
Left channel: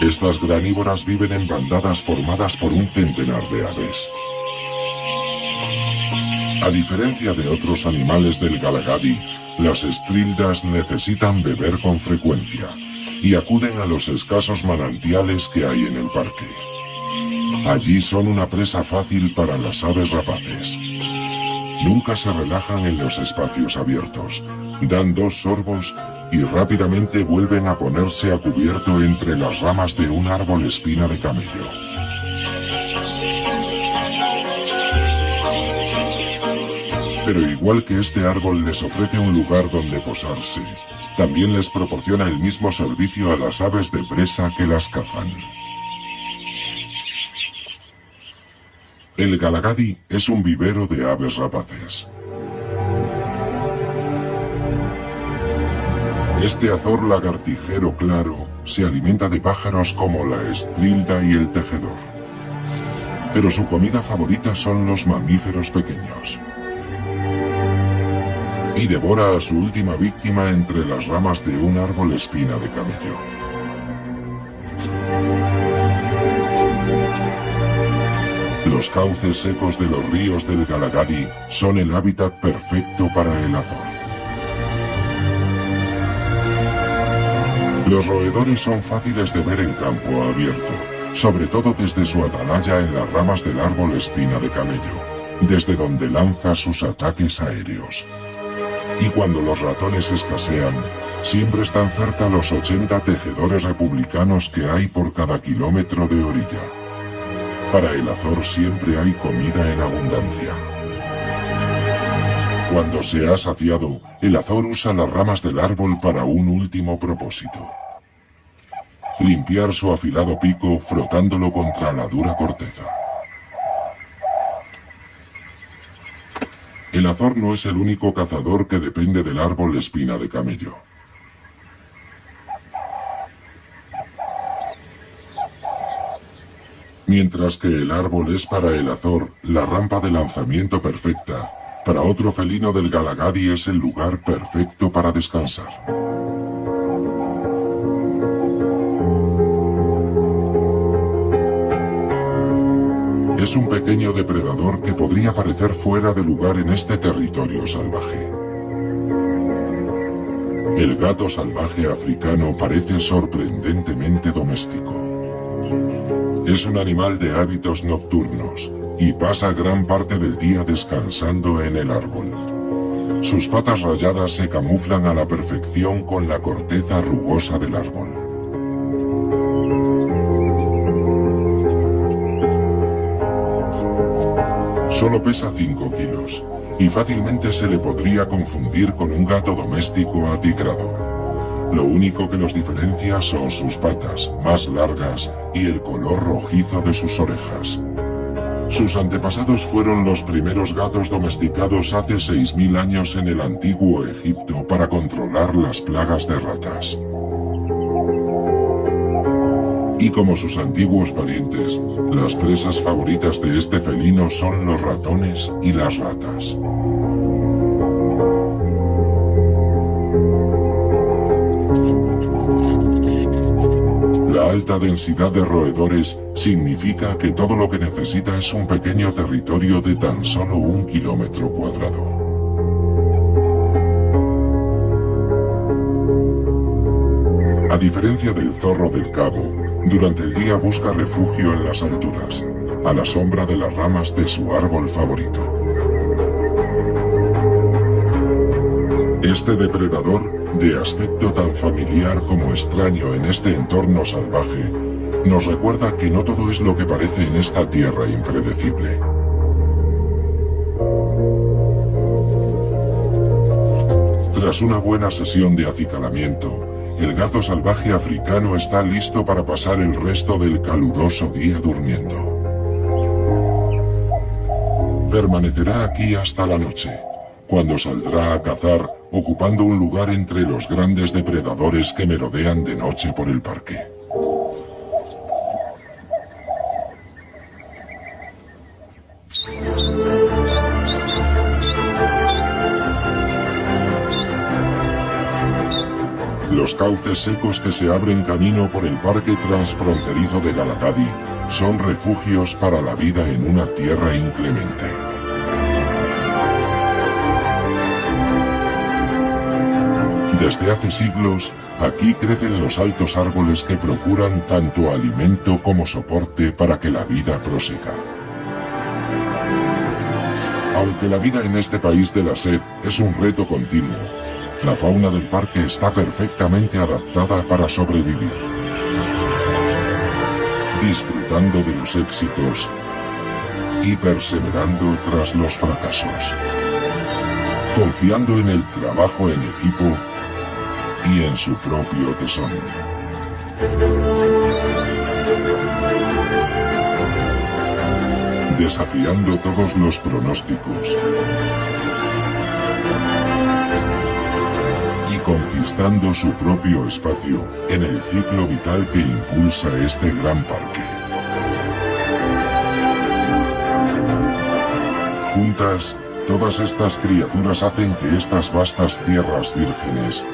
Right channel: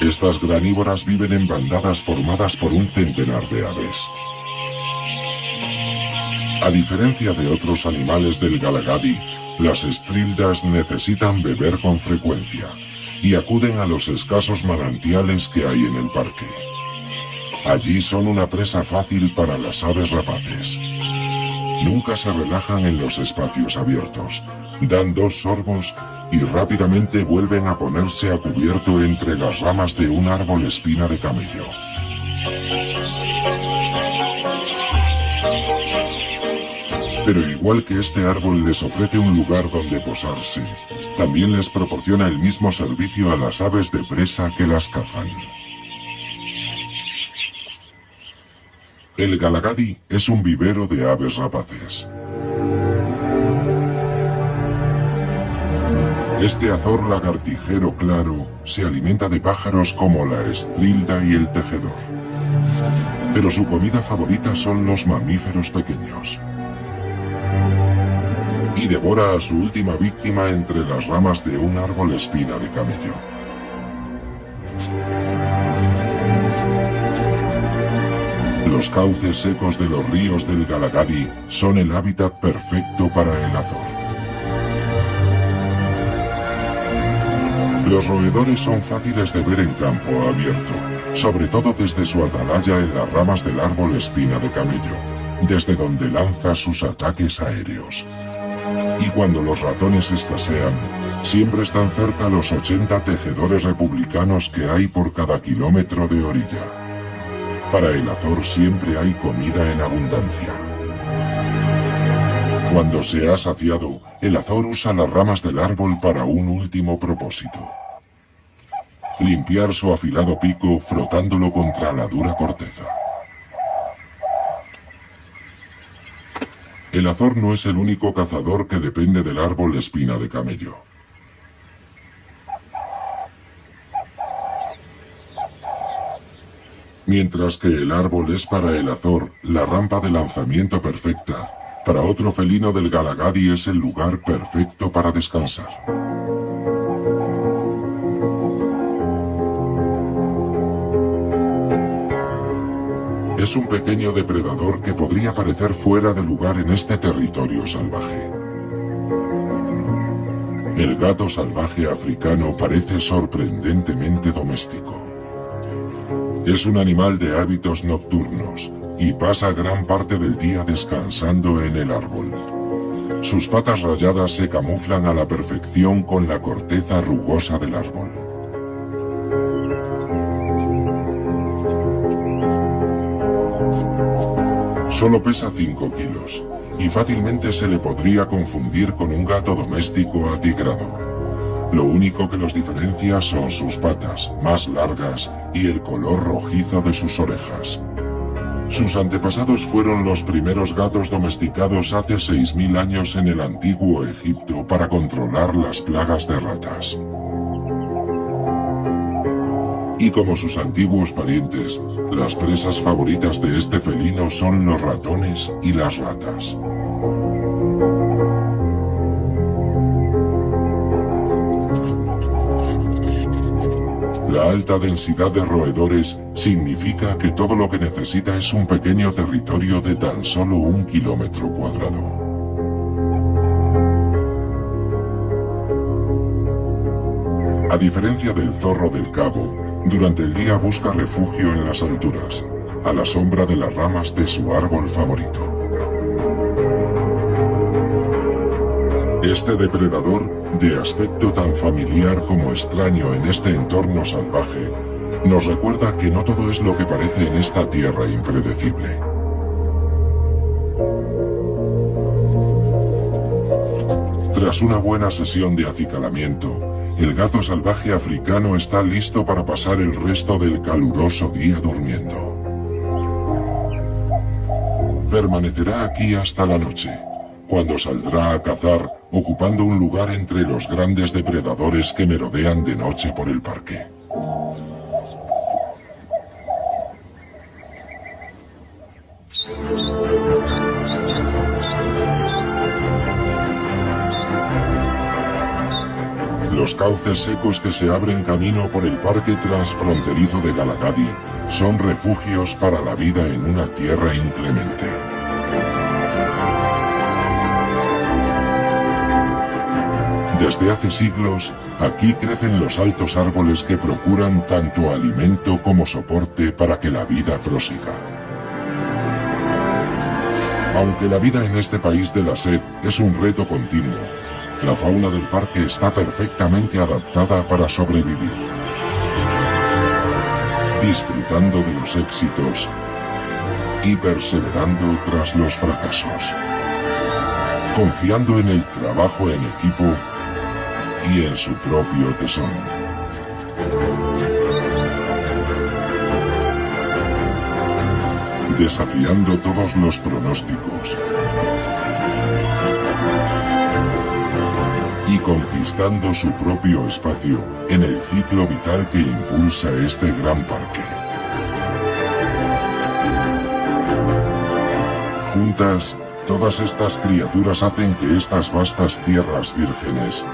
Estas granívoras viven en bandadas formadas por un centenar de aves. A diferencia de otros animales del Galagadi, las estrildas necesitan beber con frecuencia y acuden a los escasos manantiales que hay en el parque. Allí son una presa fácil para las aves rapaces. Nunca se relajan en los espacios abiertos, dan 2 sorbos y rápidamente vuelven a ponerse a cubierto entre las ramas de un árbol espina de camello. Pero igual que este árbol les ofrece un lugar donde posarse, también les proporciona el mismo servicio a las aves de presa que las cazan. El Galagadi es un vivero de aves rapaces. Este azor lagartijero claro se alimenta de pájaros como la estrilda y el tejedor. Pero su comida favorita son los mamíferos pequeños. Y devora a su última víctima entre las ramas de un árbol espina de camello. Los cauces secos de los ríos del Galagadi son el hábitat perfecto para el azor. Los roedores son fáciles de ver en campo abierto, sobre todo desde su atalaya en las ramas del árbol espina de camello, desde donde lanza sus ataques aéreos. Y cuando los ratones escasean, siempre están cerca los 80 tejedores republicanos que hay por cada kilómetro de orilla. Para el azor siempre hay comida en abundancia. Cuando se ha saciado, el azor usa las ramas del árbol para un último propósito: limpiar su afilado pico frotándolo contra la dura corteza. El azor no es el único cazador que depende del árbol espina de camello. Mientras que el árbol es para el azor la rampa de lanzamiento perfecta, para otro felino del Galagadi es el lugar perfecto para descansar. Es un pequeño depredador que podría parecer fuera de lugar en este territorio salvaje. El gato salvaje africano parece sorprendentemente doméstico. Es un animal de hábitos nocturnos y pasa gran parte del día descansando en el árbol. Sus patas rayadas se camuflan a la perfección con la corteza rugosa del árbol. Solo pesa 5 kilos, y fácilmente se le podría confundir con un gato doméstico atigrado. Lo único que los diferencia son sus patas, más largas, y el color rojizo de sus orejas. Sus antepasados fueron los primeros gatos domesticados hace 6.000 años en el antiguo Egipto para controlar las plagas de ratas. Y como sus antiguos parientes, las presas favoritas de este felino son los ratones y las ratas. La alta densidad de roedores significa que todo lo que necesita es un pequeño territorio de tan solo 1 kilómetro cuadrado. A diferencia del zorro del cabo, durante el día busca refugio en las alturas, a la sombra de las ramas de su árbol favorito. Este depredador, de aspecto tan familiar como extraño en este entorno salvaje, nos recuerda que no todo es lo que parece en esta tierra impredecible. Tras una buena sesión de acicalamiento, el gato salvaje africano está listo para pasar el resto del caluroso día durmiendo. Permanecerá aquí hasta la noche, cuando saldrá a cazar, ocupando un lugar entre los grandes depredadores que merodean de noche por el parque. Los cauces secos que se abren camino por el parque transfronterizo de Galagadi son refugios para la vida en una tierra inclemente. Desde hace siglos, aquí crecen los altos árboles que procuran tanto alimento como soporte para que la vida prosiga. Aunque la vida en este país de la sed es un reto continuo, la fauna del parque está perfectamente adaptada para sobrevivir. Disfrutando de los éxitos y perseverando tras los fracasos. Confiando en el trabajo en equipo y en su propio tesón. Desafiando todos los pronósticos. Y conquistando su propio espacio en el ciclo vital que impulsa este gran parque. Juntas, todas estas criaturas hacen que estas vastas tierras vírgenes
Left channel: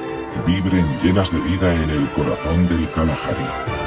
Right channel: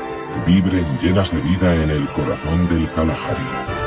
vibren llenas de vida en el corazón del Kalahari.